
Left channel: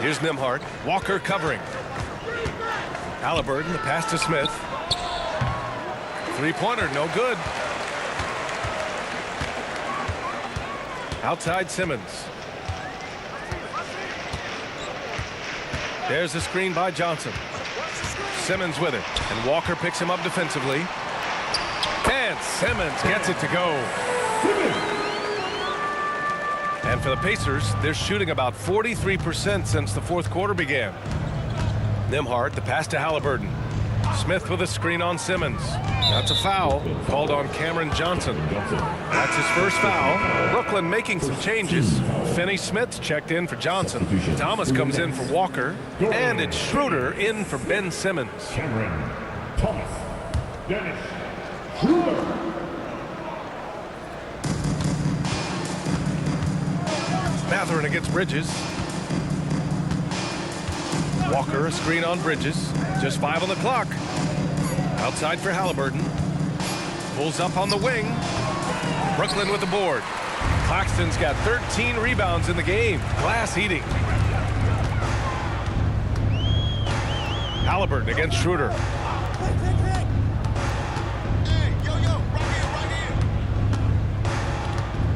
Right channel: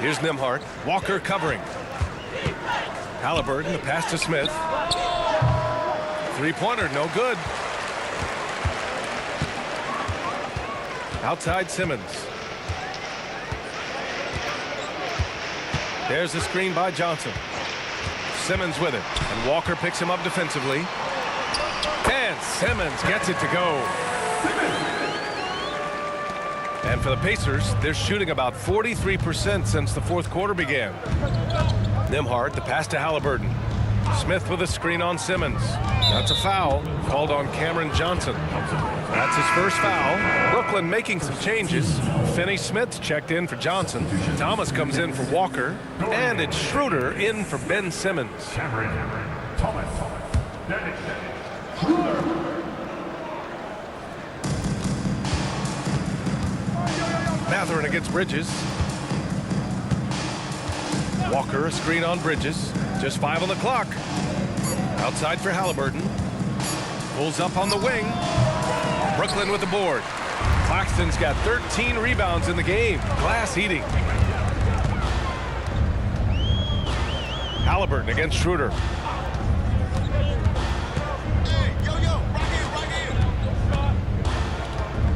Here's Nembhard. Walker covering. Halliburton, the pass to Smith. Three-pointer, no good. Outside Simmons. There's the screen by Johnson. Simmons with it, and Walker picks him up defensively. And Simmons gets it to go. And for the Pacers, they're shooting about 43% since the fourth quarter began. Nembhard, the pass to Halliburton. Smith with a screen on Simmons. That's a foul called on Cameron Johnson. That's his first foul. Brooklyn making some changes. Finney-Smith checked in for Johnson. Thomas comes in for Walker. And it's Schroeder in for Ben Simmons. Cameron Thomas. Dennis Schroeder. Mathurin against Bridges. Walker, a screen on Bridges. Just 5 on the clock. Outside for Halliburton. Pulls up on the wing. Brooklyn with the board. Claxton's got 13 rebounds in the game. Glass eating. Halliburton against Schroeder.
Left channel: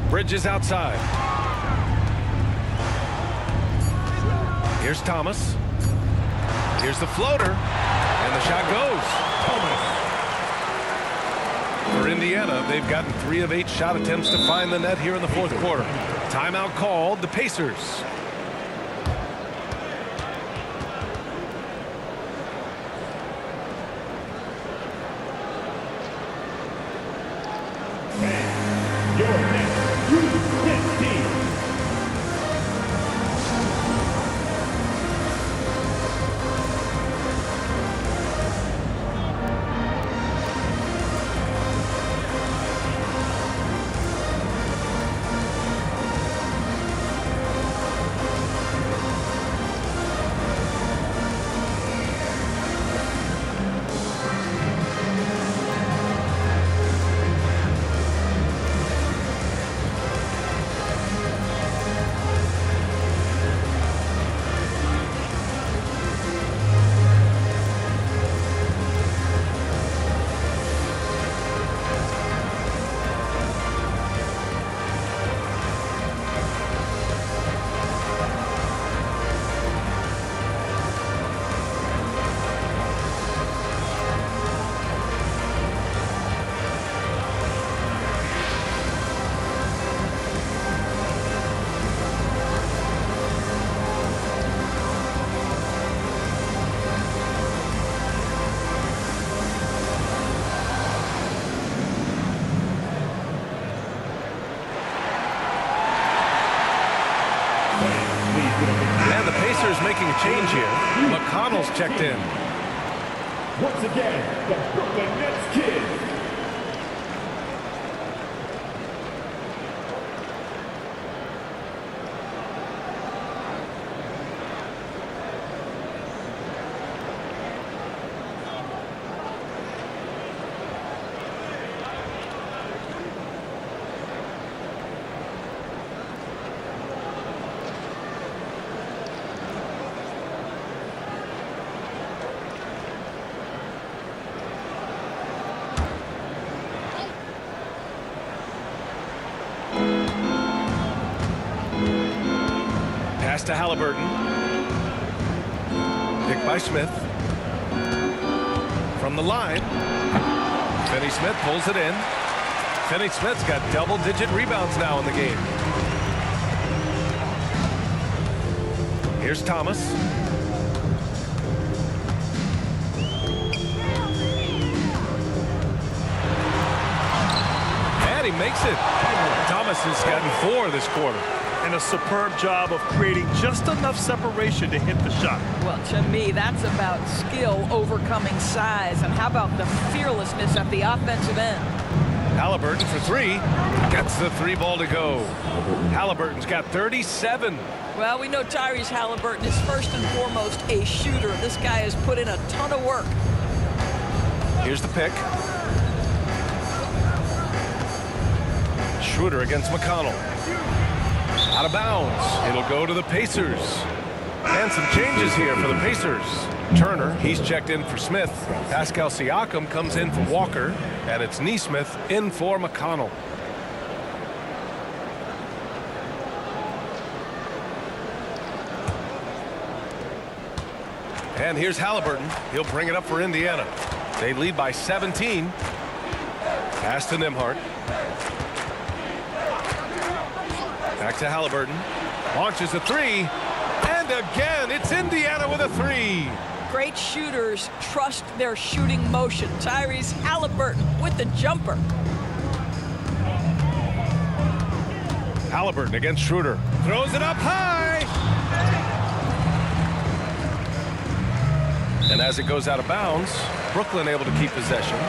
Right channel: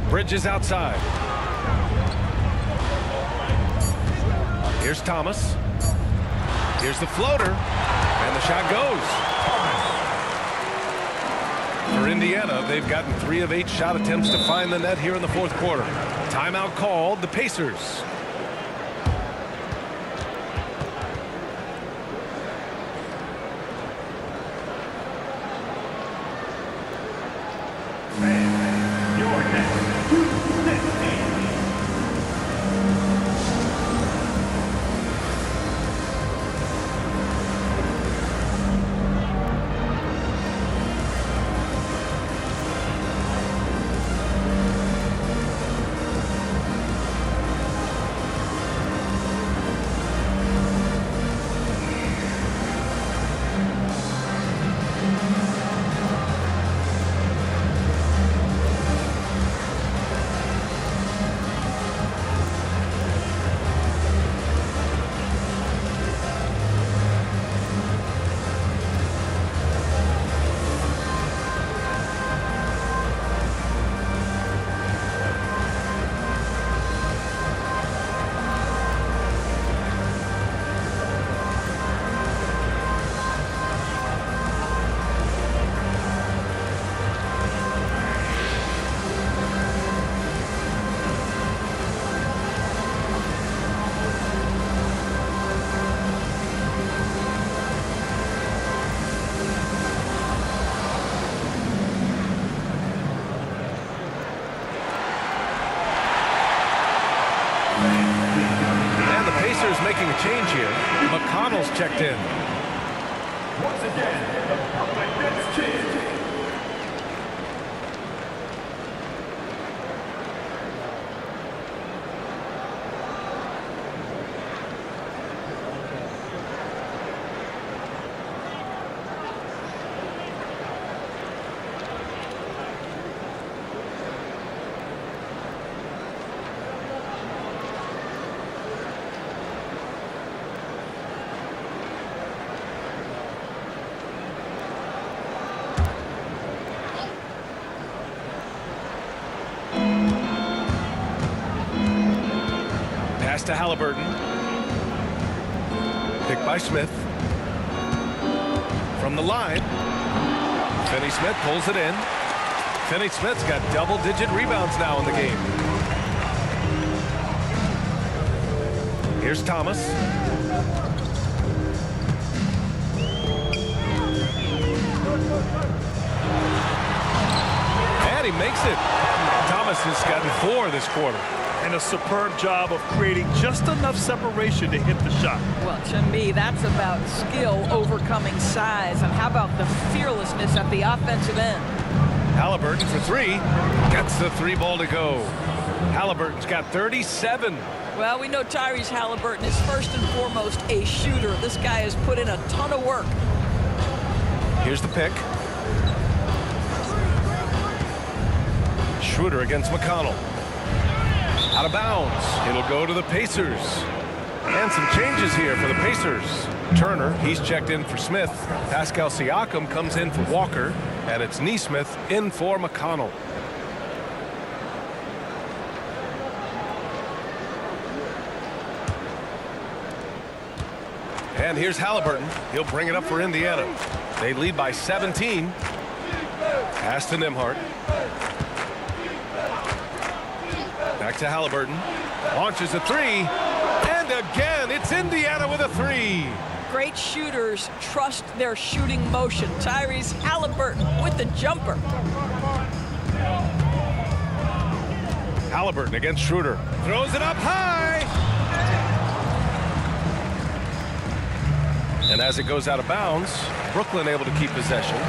Bridges outside. Here's Thomas. Here's the floater. And the shot goes. For Indiana, they've gotten 3 of 8 shot attempts to find the net here in the fourth quarter. Timeout called, the Pacers. Your next 2:15. And the Pacers making a change here. McConnell's checked in. Once again, the Brooklyn Nets Kid. Pass to Halliburton. Picked by Smith. From the line. Finney-Smith pulls it in. Finney-Smith's got double-digit rebounds now in the game. Here's Thomas. And he makes it. Thomas has gotten 4 this quarter. And a superb job of creating just enough separation to hit the shot. Well, to me, that's about skill overcoming size. And how about the fearlessness at the offensive end? Halliburton for three. Gets the three ball to go. Halliburton's got 37. Well, we know Tyrese Halliburton is first and foremost a shooter. This guy has put in a ton of work. Here's the pick. Schroeder against McConnell. Out of bounds. It'll go to the Pacers. And some changes here for the Pacers. Turner, he's checked in for Smith. Pascal Siakam comes in for Walker. And it's Nesmith in for McConnell. And here's Halliburton. He'll bring it up for Indiana. They lead by 17. Pass to Nembhard. Back to Halliburton. Launches a three. And again, it's Indiana with a three. Great shooters trust their shooting motion. Tyrese Halliburton with the jumper. Halliburton against Schroeder. Throws it up high. And as it goes out of bounds, Brooklyn able to keep possession.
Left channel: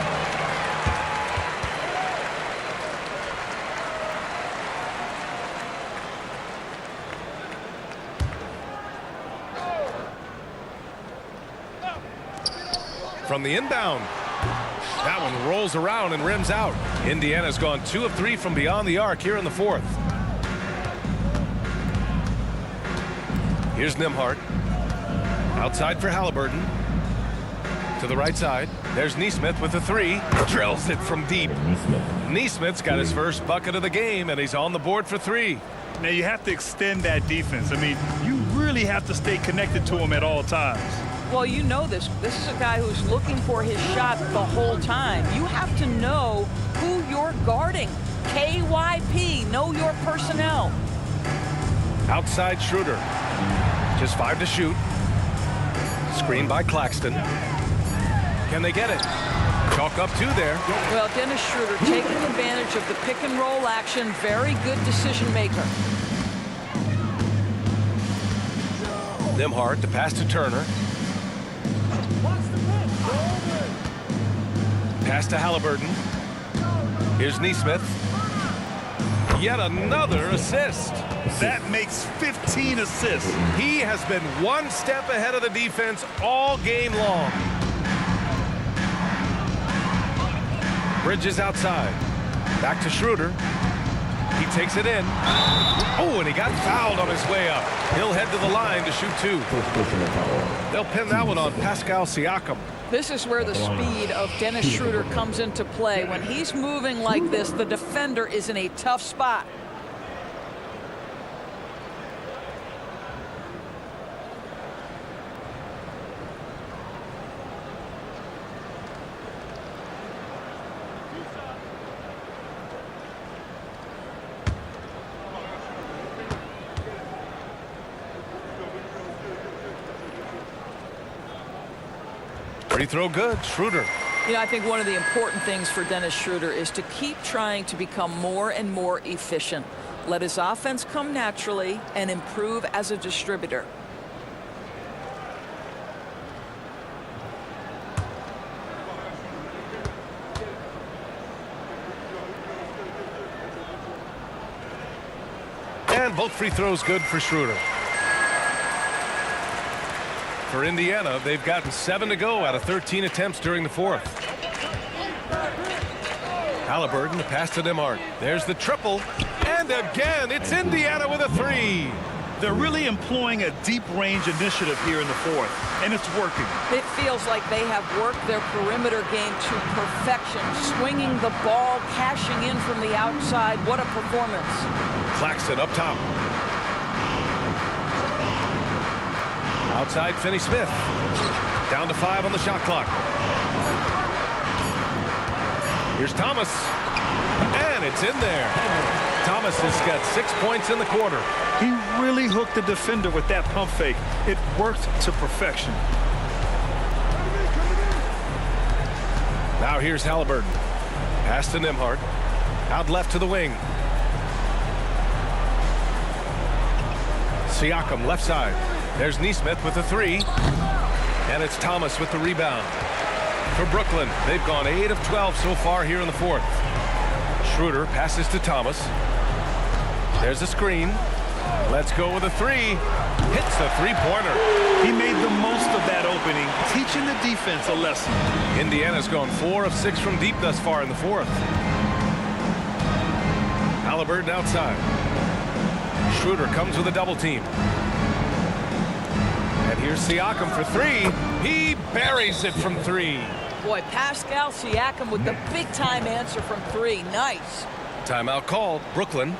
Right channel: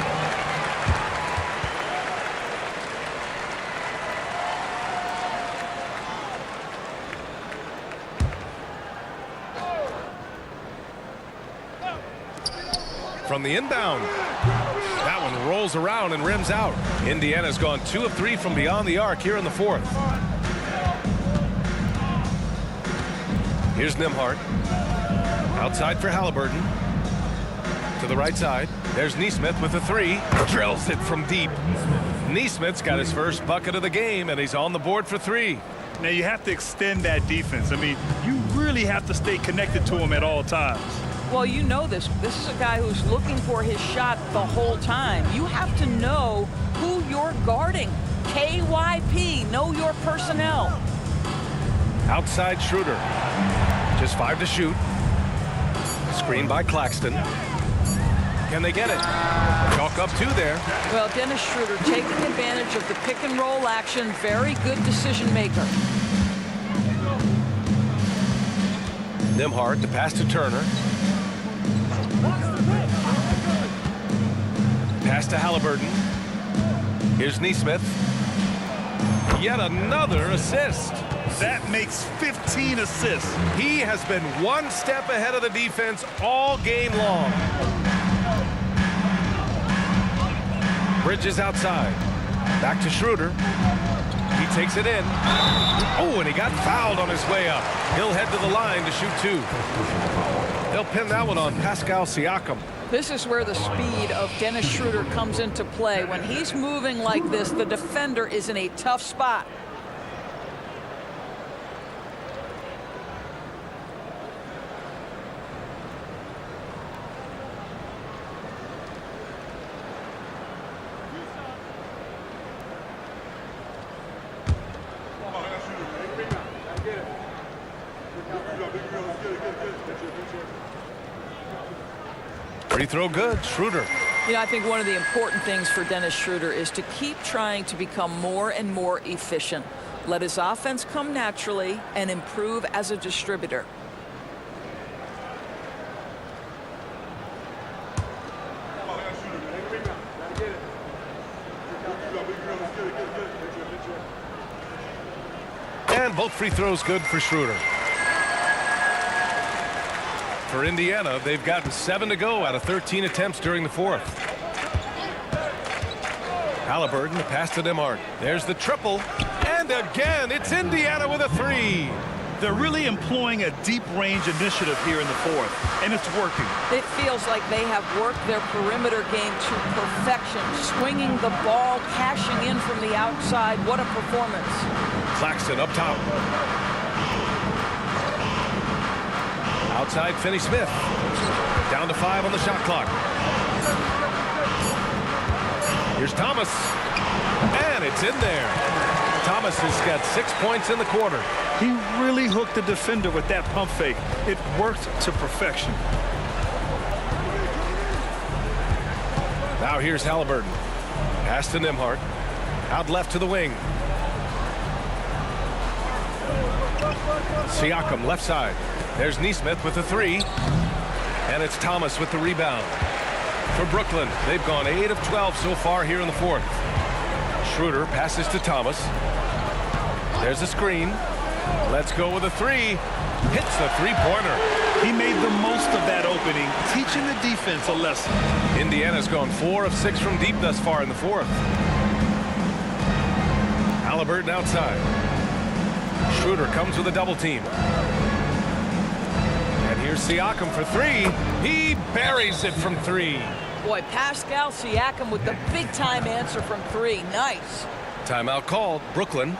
From the inbound. That one rolls around and rims out. Indiana's gone 2 of 3 from beyond the arc here in the fourth. Here's Nembhard. Outside for Halliburton. To the right side. There's Nesmith with a three. Drills it from deep. Nesmith's got his first bucket of the game, and he's on the board for three. Now you have to extend that defense. I mean, you really have to stay connected to him at all times. Well, you know this. This is a guy who's looking for his shot the whole time. You have to know who you're guarding. KYP, know your personnel. Outside Schroeder. Just 5 to shoot. Screen by Claxton. Can they get it? Chalk up 2 there. Well, Dennis Schroeder taking advantage of the pick and roll action. Very good decision maker. Nembhard to pass to Turner. Pass to Halliburton. Here's Nesmith. Yet another assist. That makes 15 assists. He has been one step ahead of the defense all game long. Bridges outside. Back to Schroeder. He takes it in. Oh, and he got fouled on his way up. He'll head to the line to shoot 2. They'll pin that one on Pascal Siakam. This is where the speed of Dennis Schroeder comes into play. When he's moving like this, the defender is in a tough spot. Free throw good. Schroeder. You know, I think one of the important things for Dennis Schroeder is to keep trying to become more and more efficient. Let his offense come naturally and improve as a distributor. And both free throws good for Schroeder. For Indiana, they've gotten 7 to go out of 13 attempts during the fourth. Halliburton, the pass to Nembhard. There's the triple. And again, it's Indiana with a three. They're really employing a deep range initiative here in the fourth, and it's working. It feels like they have worked their perimeter game to perfection, swinging the ball, cashing in from the outside. What a performance. Claxton up top. Outside Finney-Smith. Down to 5 on the shot clock. Here's Thomas. And it's in there. Thomas has got 6 points in the quarter. He really hooked the defender with that pump fake. It worked to perfection. Now here's Halliburton. Pass to Nembhard. Out left to the wing. Siakam left side. There's Nesmith with the three. And it's Thomas with the rebound. For Brooklyn, they've gone 8 of 12 so far here in the fourth. Schroeder passes to Thomas. There's a screen. Let's go with a three. Hits the three-pointer. He made the most of that opening, teaching the defense a lesson. Indiana's gone 4 of 6 from deep thus far in the fourth. Halliburton outside. Schroeder comes with a double team. And here's Siakam for three. He buries it from three. Boy, Pascal Siakam with the big-time answer from three. Nice. Timeout called. Brooklyn.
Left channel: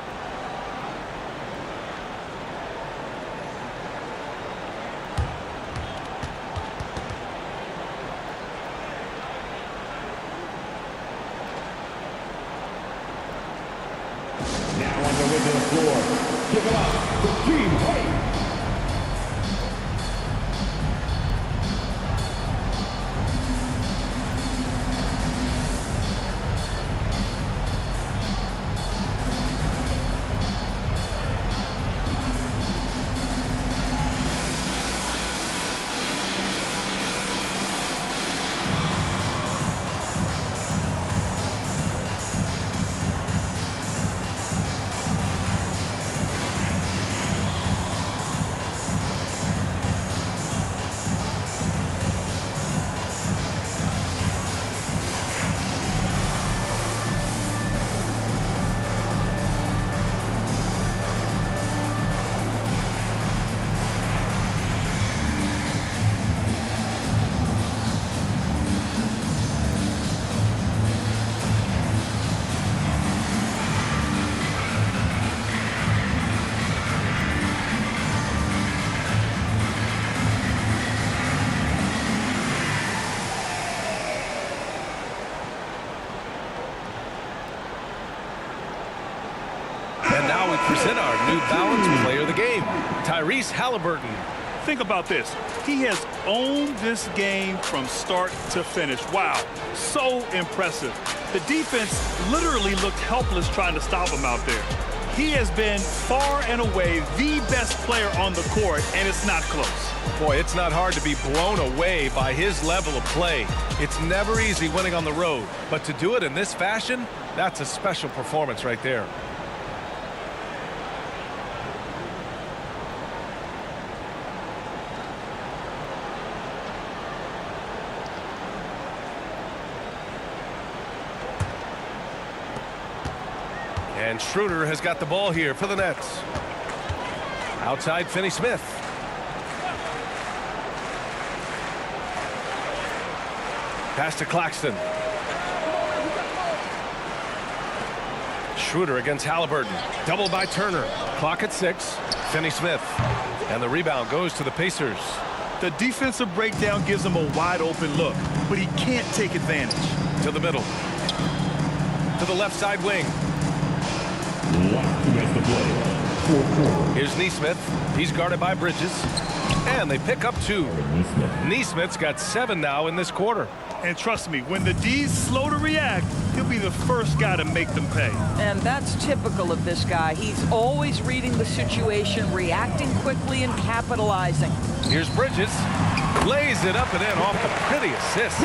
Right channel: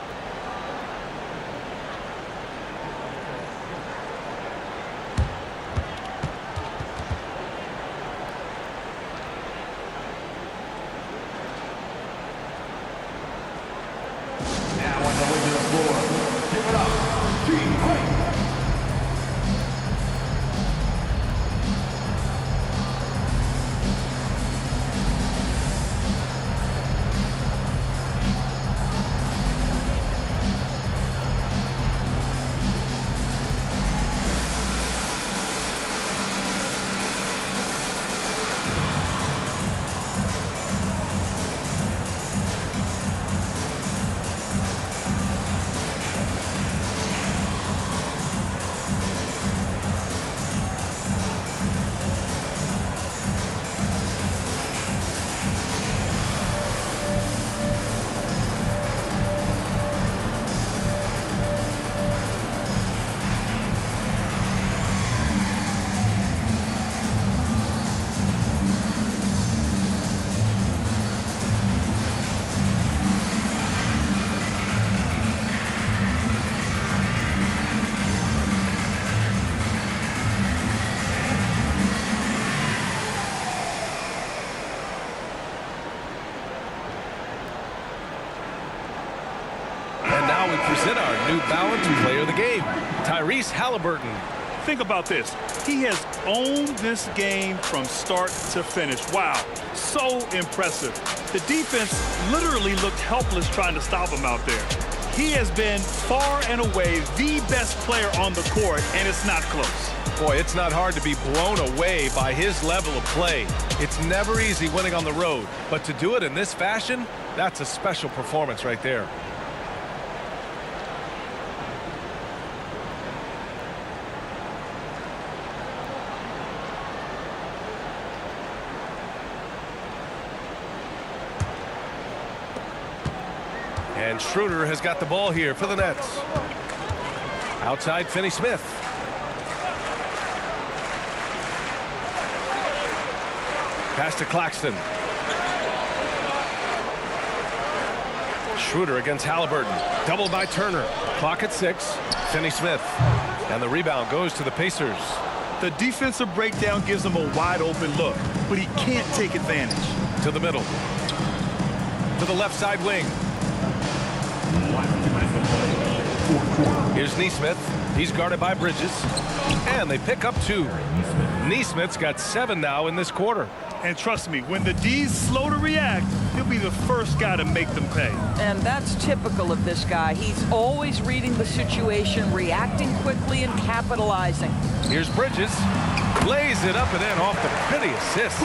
Now on the way to the floor. Give it up for Team Hype. And now we present our New Balance Player of the Game, Tyrese Halliburton. Think about this. He has owned this game from start to finish. Wow, so impressive. The defense literally looked helpless trying to stop him out there. He has been far and away the best player on the court, and it's not close. Boy, it's not hard to be blown away by his level of play. It's never easy winning on the road, but to do it in this fashion, that's a special performance right there. And Schroeder has got the ball here for the Nets. Outside, Finney-Smith. Pass to Claxton. Schroeder against Halliburton. Doubled by Turner. Clock at 6. Finney-Smith. And the rebound goes to the Pacers. The defensive breakdown gives him a wide open look, but he can't take advantage. To the middle. To the left side wing. Here's Nesmith. He's guarded by Bridges. And they pick up 2. Nesmith's got 7 now in this quarter. And trust me, when the D's slow to react, he'll be the first guy to make them pay. And that's typical of this guy. He's always reading the situation, reacting quickly, and capitalizing. Here's Bridges. Lays it up and in off the pretty assist.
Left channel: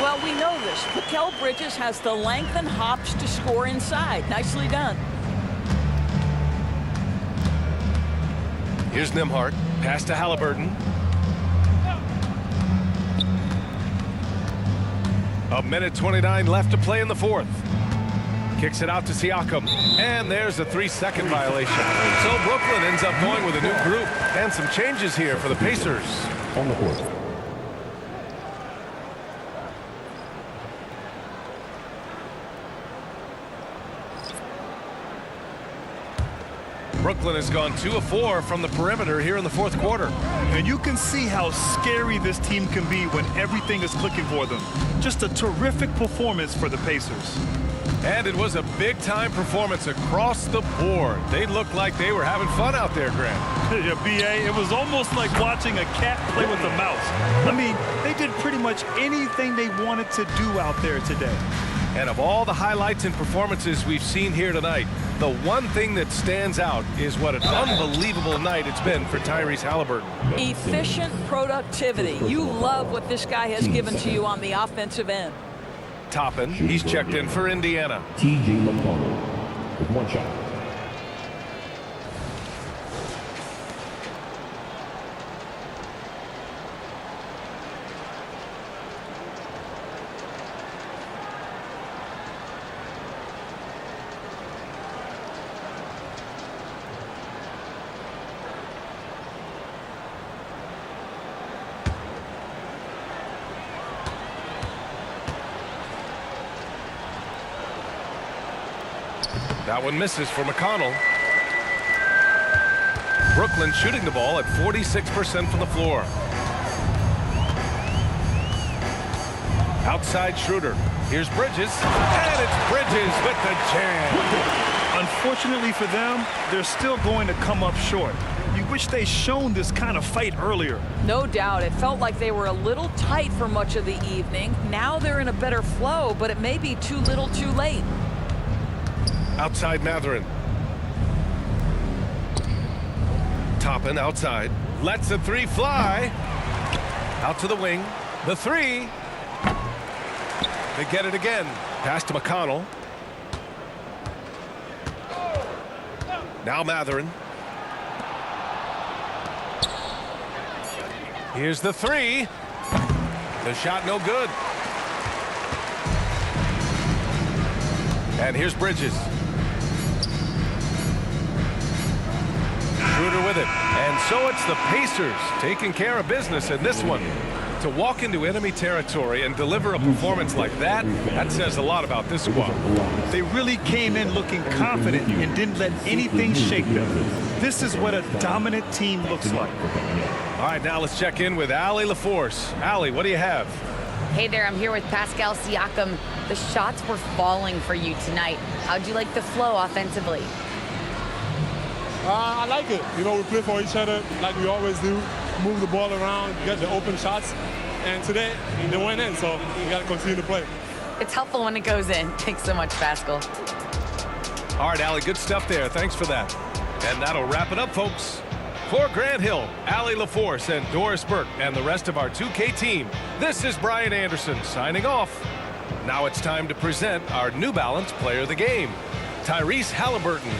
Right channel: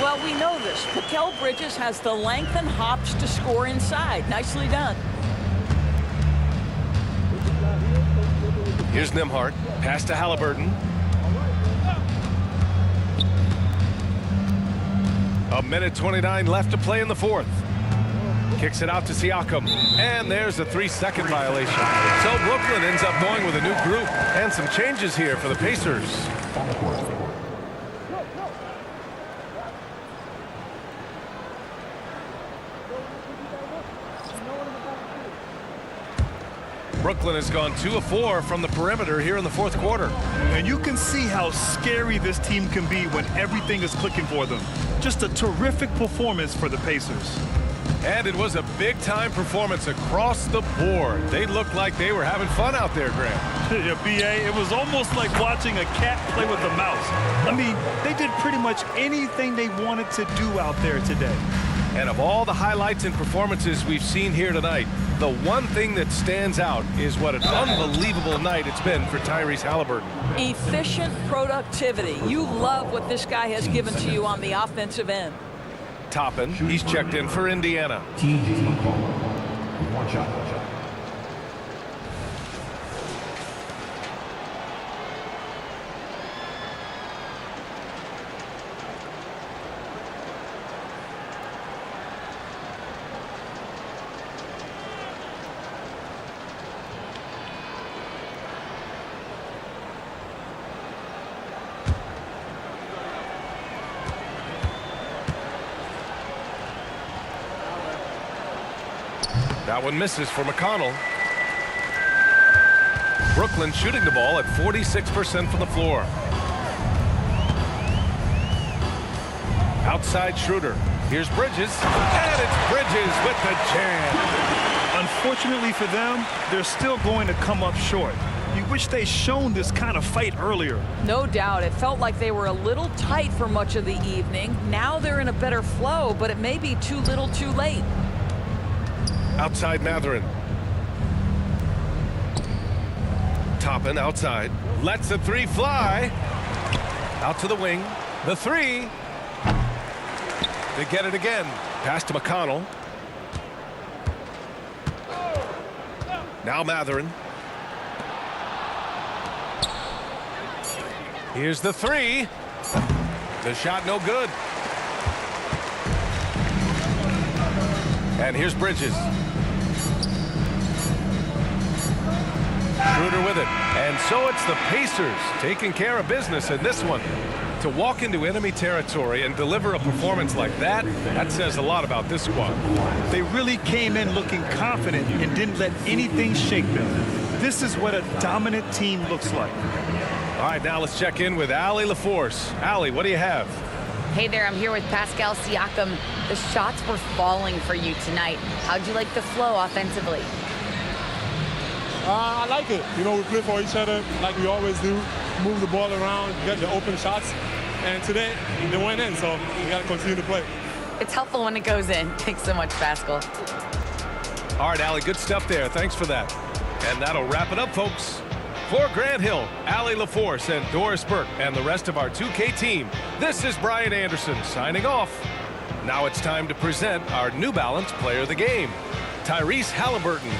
Well, we know this. Mikal Bridges has the length and hops to score inside. Nicely done. Here's Nembhard. Pass to Halliburton. A minute 29 left to play in the fourth. Kicks it out to Siakam. And there's a 3-second violation. So Brooklyn ends up going with a new group and some changes here for the Pacers. On the court. Brooklyn has gone 2 of 4 from the perimeter here in the fourth quarter. And you can see how scary this team can be when everything is clicking for them. Just a terrific performance for the Pacers. And it was a big-time performance across the board. They looked like they were having fun out there, Grant. Yeah, B.A., it was almost like watching a cat play with a mouse. I mean, they did pretty much anything they wanted to do out there today. And of all the highlights and performances we've seen here tonight, the one thing that stands out is what an unbelievable night it's been for Tyrese Halliburton. Efficient productivity. You love what this guy has given to you on the offensive end. Toppin, he's checked in for Indiana. T.J. McCall with 1 shot. That one misses for McConnell. Brooklyn shooting the ball at 46% from the floor. Outside Schroeder. Here's Bridges. And it's Bridges with the jam. Unfortunately for them, they're still going to come up short. You wish they'd shown this kind of fight earlier. No doubt. It felt like they were a little tight for much of the evening. Now they're in a better flow, but it may be too little too late. Outside Mathurin. Toppin outside. Lets the 3 fly. Out to the wing. The 3. They get it again. Pass to McConnell. Now Mathurin. Here's the 3. The shot no good. And here's Bridges. Schroeder with it. And so it's the Pacers taking care of business in this one. To walk into enemy territory and deliver a performance like that says a lot about this squad. They really came in looking confident and didn't let anything shake them. This is what a dominant team looks like. All right, now let's check in with Allie LaForce. Allie, what do you have? Hey there, I'm here with Pascal Siakam. The shots were falling for you tonight. How'd you like the flow offensively? I like it. You know, we play for each other like we always do. Move the ball around, get the open shots. And today, they went in, so we got to continue to play. It's helpful when it goes in. Thanks so much, Pascal. All right, Allie, good stuff there. Thanks for that. And that'll wrap it up, folks. For Grant Hill, Allie LaForce, and Doris Burke, and the rest of our 2K team, this is Brian Anderson signing off. Now it's time to present our New Balance Player of the Game, Tyrese Halliburton.